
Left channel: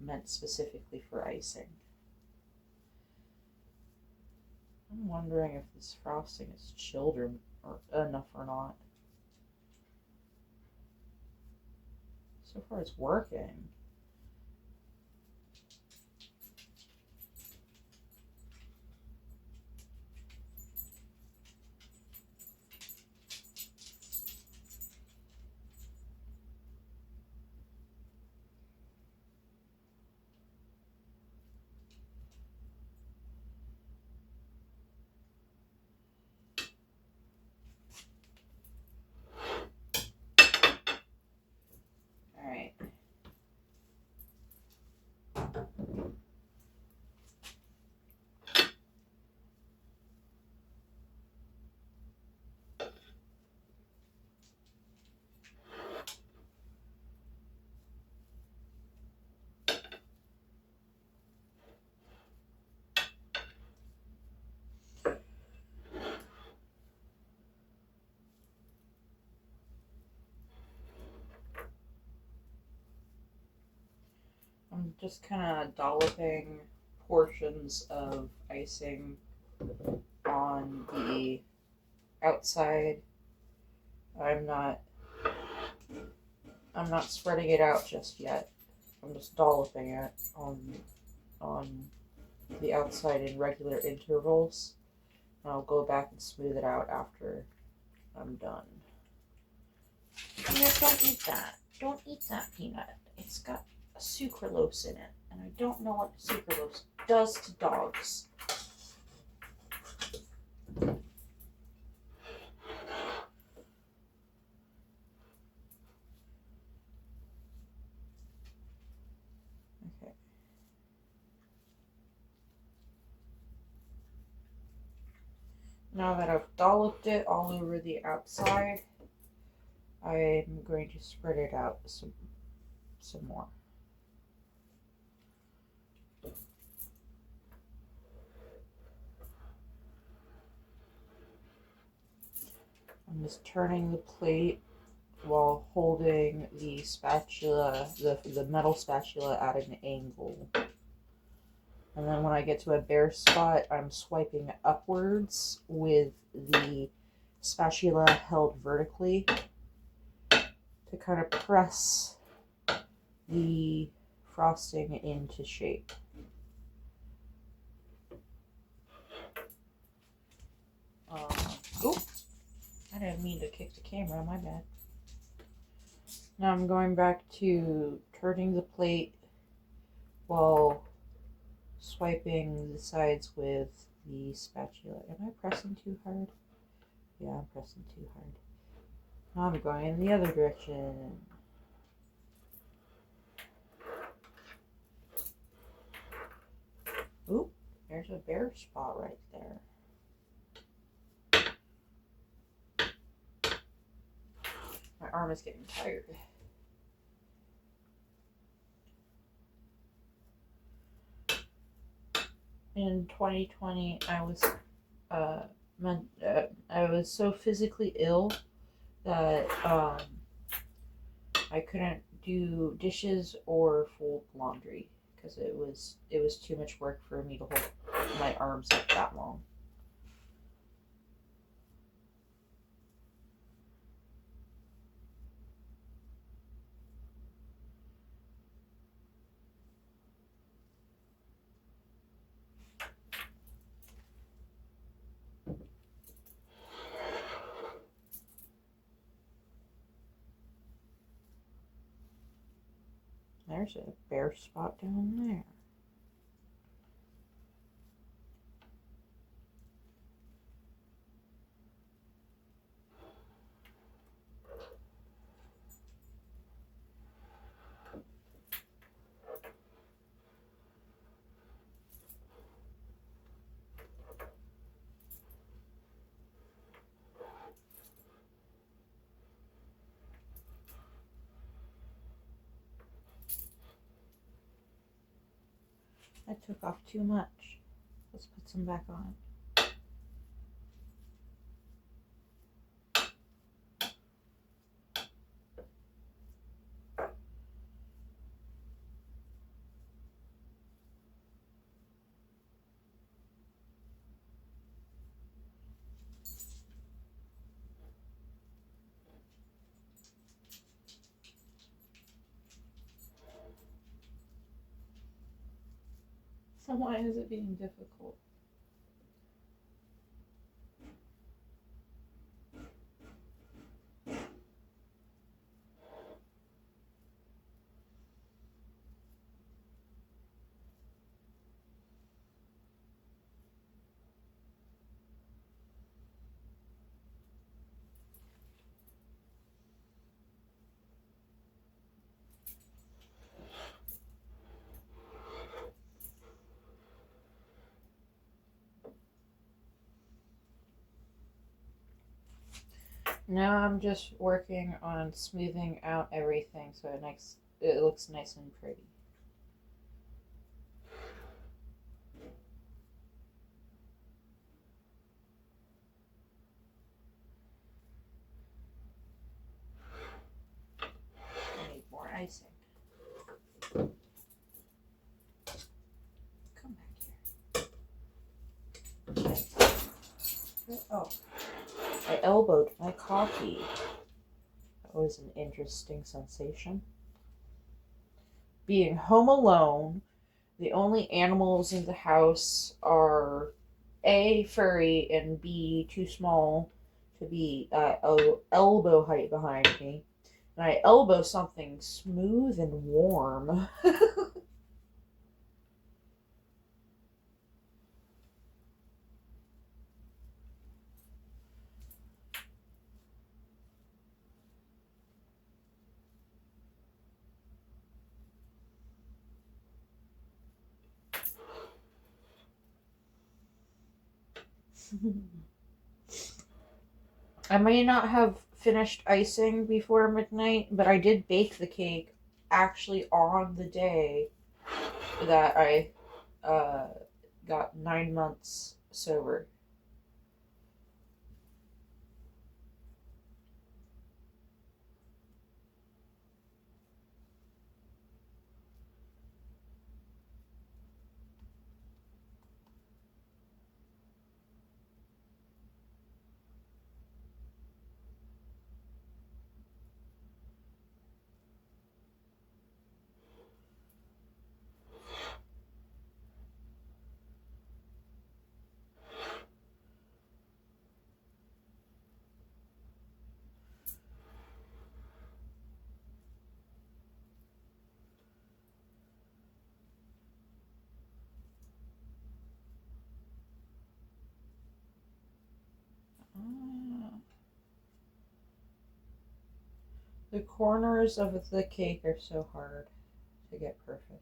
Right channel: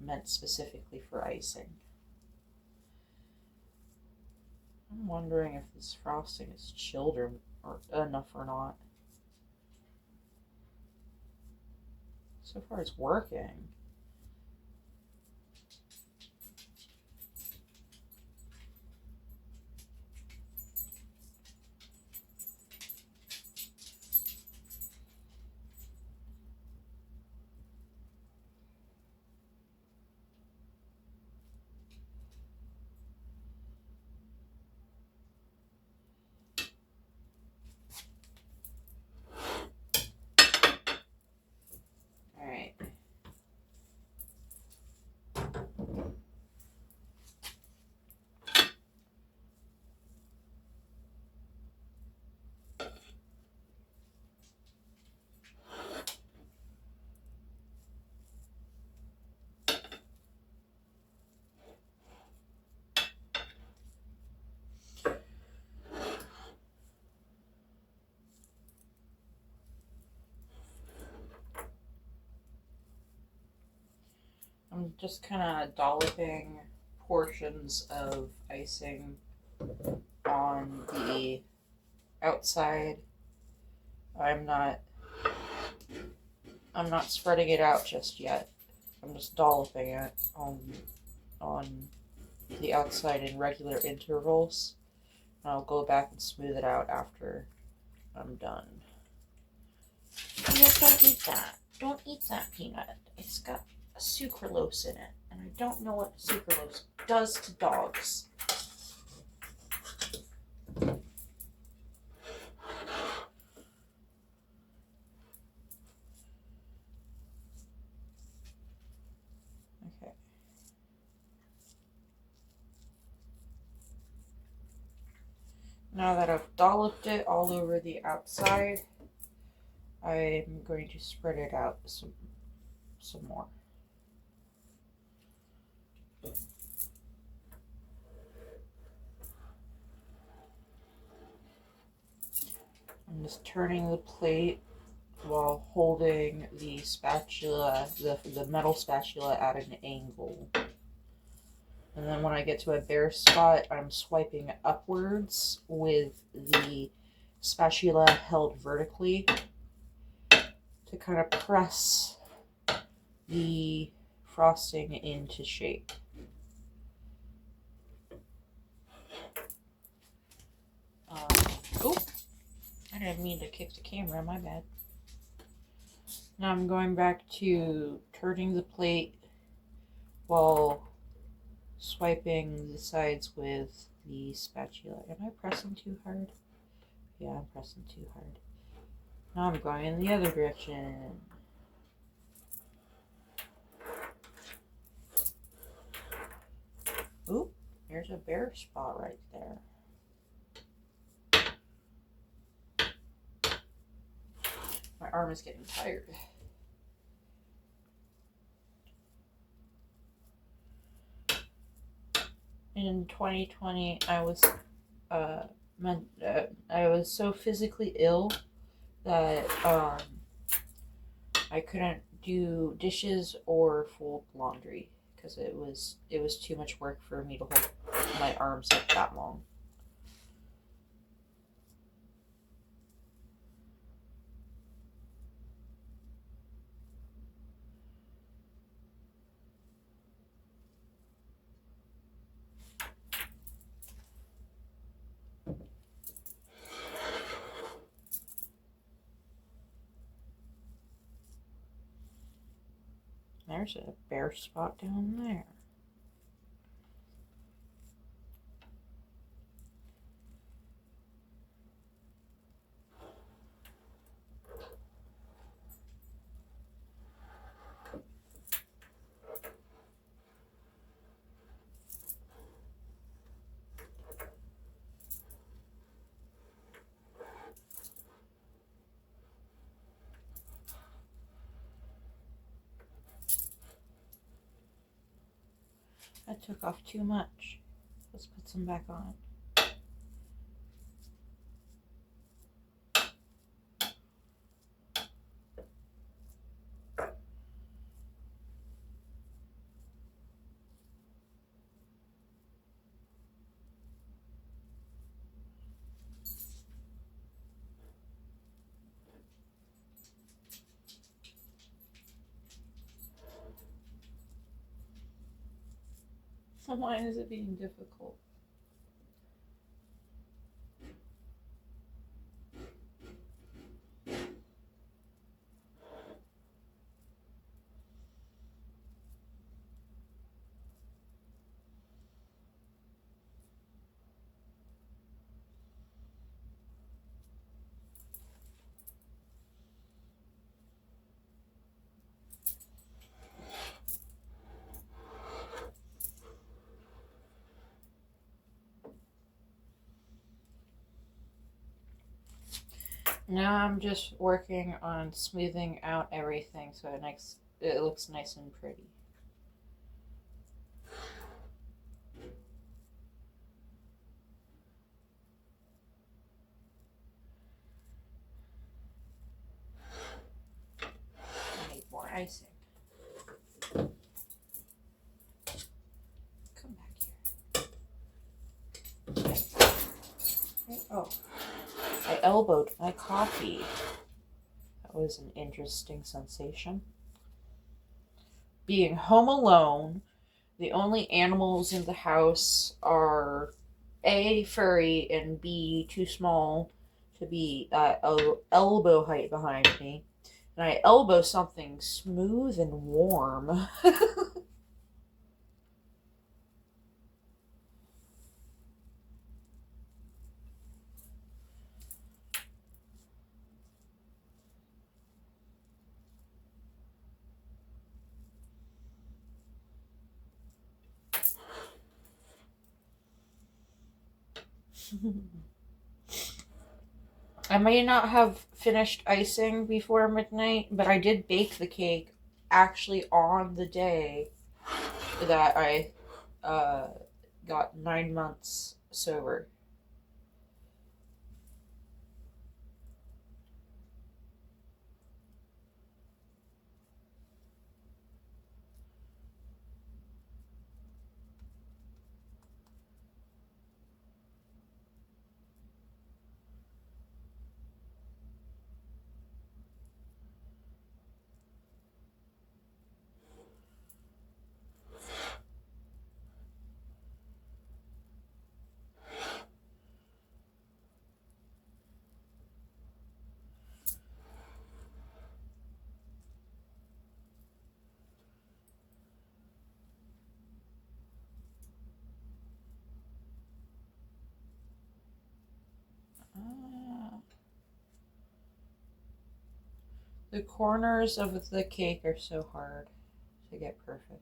meant specifically for icing. I'm wondering if this frosting is chilled or enough or not. So far it's working. I'm just kind of dolloping portions of icing on the outside. I'm not spreading it out just yet. I'm just dolloping it on the outside in regular intervals. And I'll go back and smooth it out after I'm done. Peanut, don't eat that. Don't eat that, Peanut. It's got sucralose in it, and I don't know what sucralose does to dogs. Okay. Now that I've dolloped it all over the outside, I'm going to spread it out some more. I'm just turning the plate while holding the spatula, the metal spatula at an angle. And then when I get to a bare spot, I'm swiping upwards with the spatula held vertically to kind of press the frosting into shape. Oh, I didn't mean to kick the camera, my bad. Now I'm going back to turning the plate while swiping the sides with the spatula. Am I pressing too hard? Yeah, I'm pressing too hard. Now I'm going in the other direction. Oop, there's a bare spot right there. My arm is getting tired. In 2020, I was so physically ill that I couldn't do dishes or fold laundry because it was too much work for me to hold my arms up that long. There's a bare spot down there. I took off too much. Let's put some back on. Why is it being difficult? Now I'm just working on smoothing out everything so it looks nice and pretty. I need more icing. Oh, I elbowed my coffee. That was an interesting sensation. Being home alone, the only animals in the house are A, furry, and B, too small to be at elbow height behind me. And I elbow something smooth and warm. I may not have finished icing before midnight, but I did bake the cake actually on the day that I uh, got 9 months sober. Ah. The corners of the cake are so hard to get perfect.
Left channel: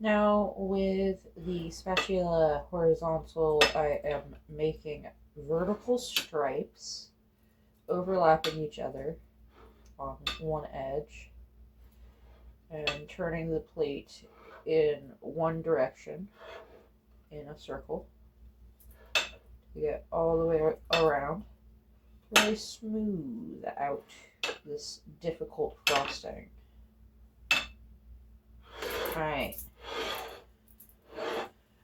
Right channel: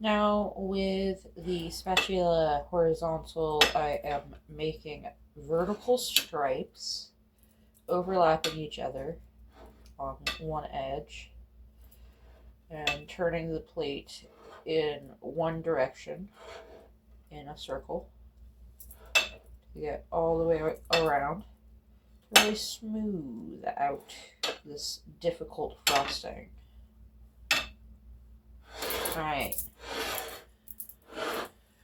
Now with the spatula horizontal, I am making vertical stripes overlapping each other on one edge and turning the plate in one direction in a circle to get all the way around to really smooth out this difficult frosting. Alright.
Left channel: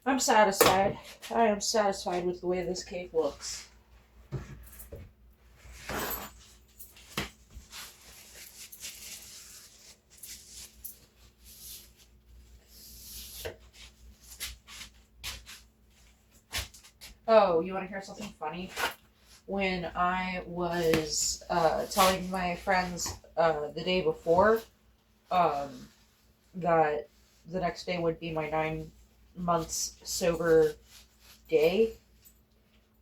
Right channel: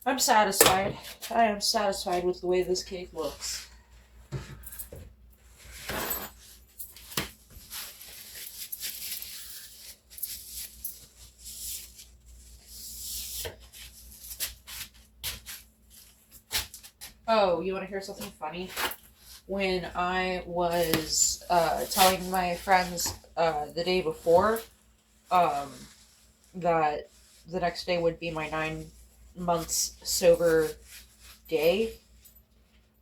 I'm satisfied. I am satisfied with the way this cake looks. Oh, you want to hear something funny? When I was telling my friends the day before that the next day would be my 9 months sober day,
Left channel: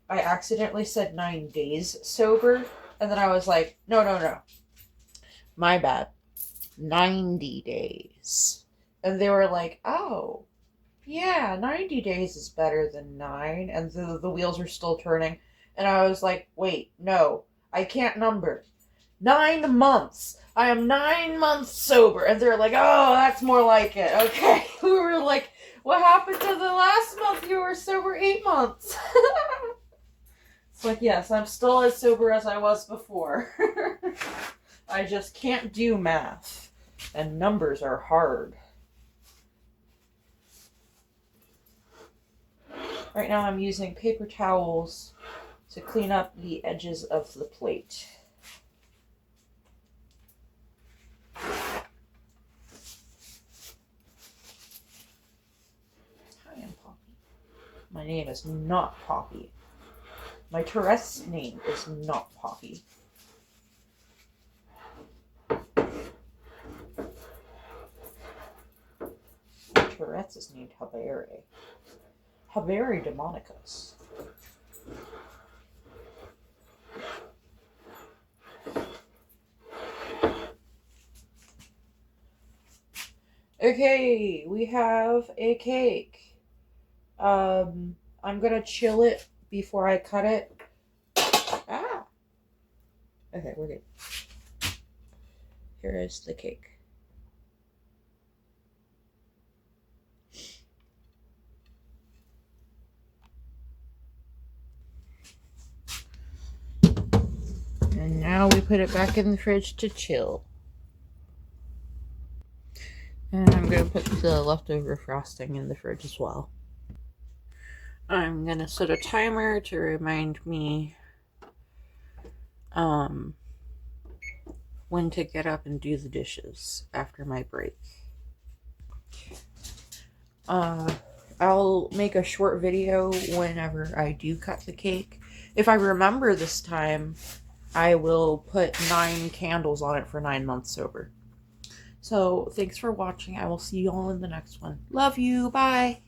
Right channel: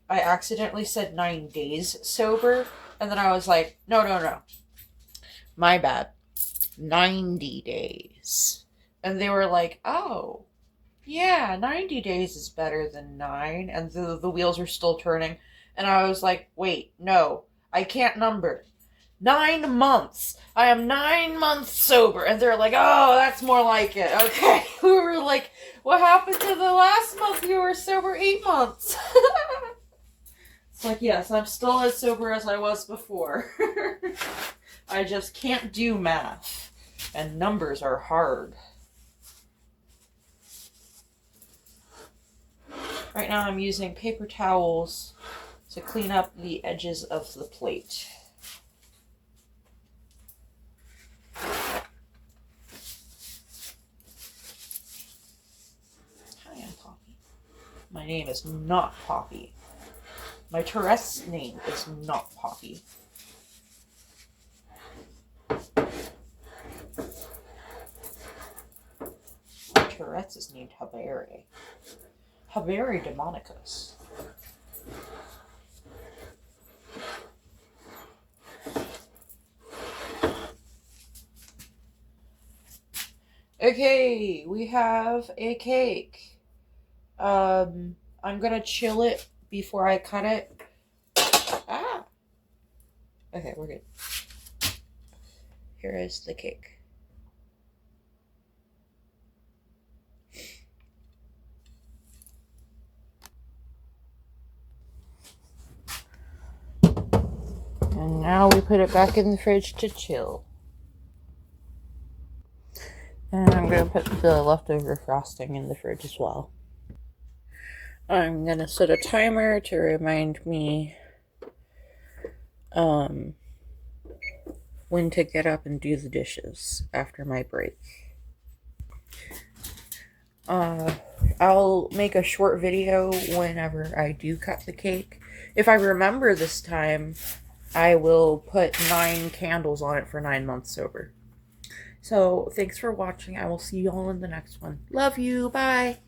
I accidentally said 9 days sober, and then I was like, no, my bad, 90 days. And they were like, oh, yeah, 90 days is better than 9. And the wheels are still turning. And I was like, wait, no, I can't number. 9 months. I am 9 months sober. And they're like, oh, that's more like it. Okay. We were like, what happened to the last month you were sober? 8 months. It's like, yes, I'm still as sober as I was before. I just can't do math. And numbers are hard. Right now I'm using paper towels to clean up the edges of the plate. Hi, I'm Poppy. My name is not Poppy. My Tourette's name is not Poppy. My Tourette's is named Haberi. Haberi demonicus. Okay, we have a cake. I'm gonna chill it before I cut it. Ah! Okay, we're good. Here is the cake. And now we put it back in the fridge to chill. And I'm going to put the leftover frosting in the fridge as well. I'm going to set a timer to remind me when to get up and do the dishes after my break. I'll make a short video whenever I do cut the cake. If I remember this time, I will put 9 candles on it for 9 months sober. So, thanks for watching. I will see you all in the next one. Love you. Bye.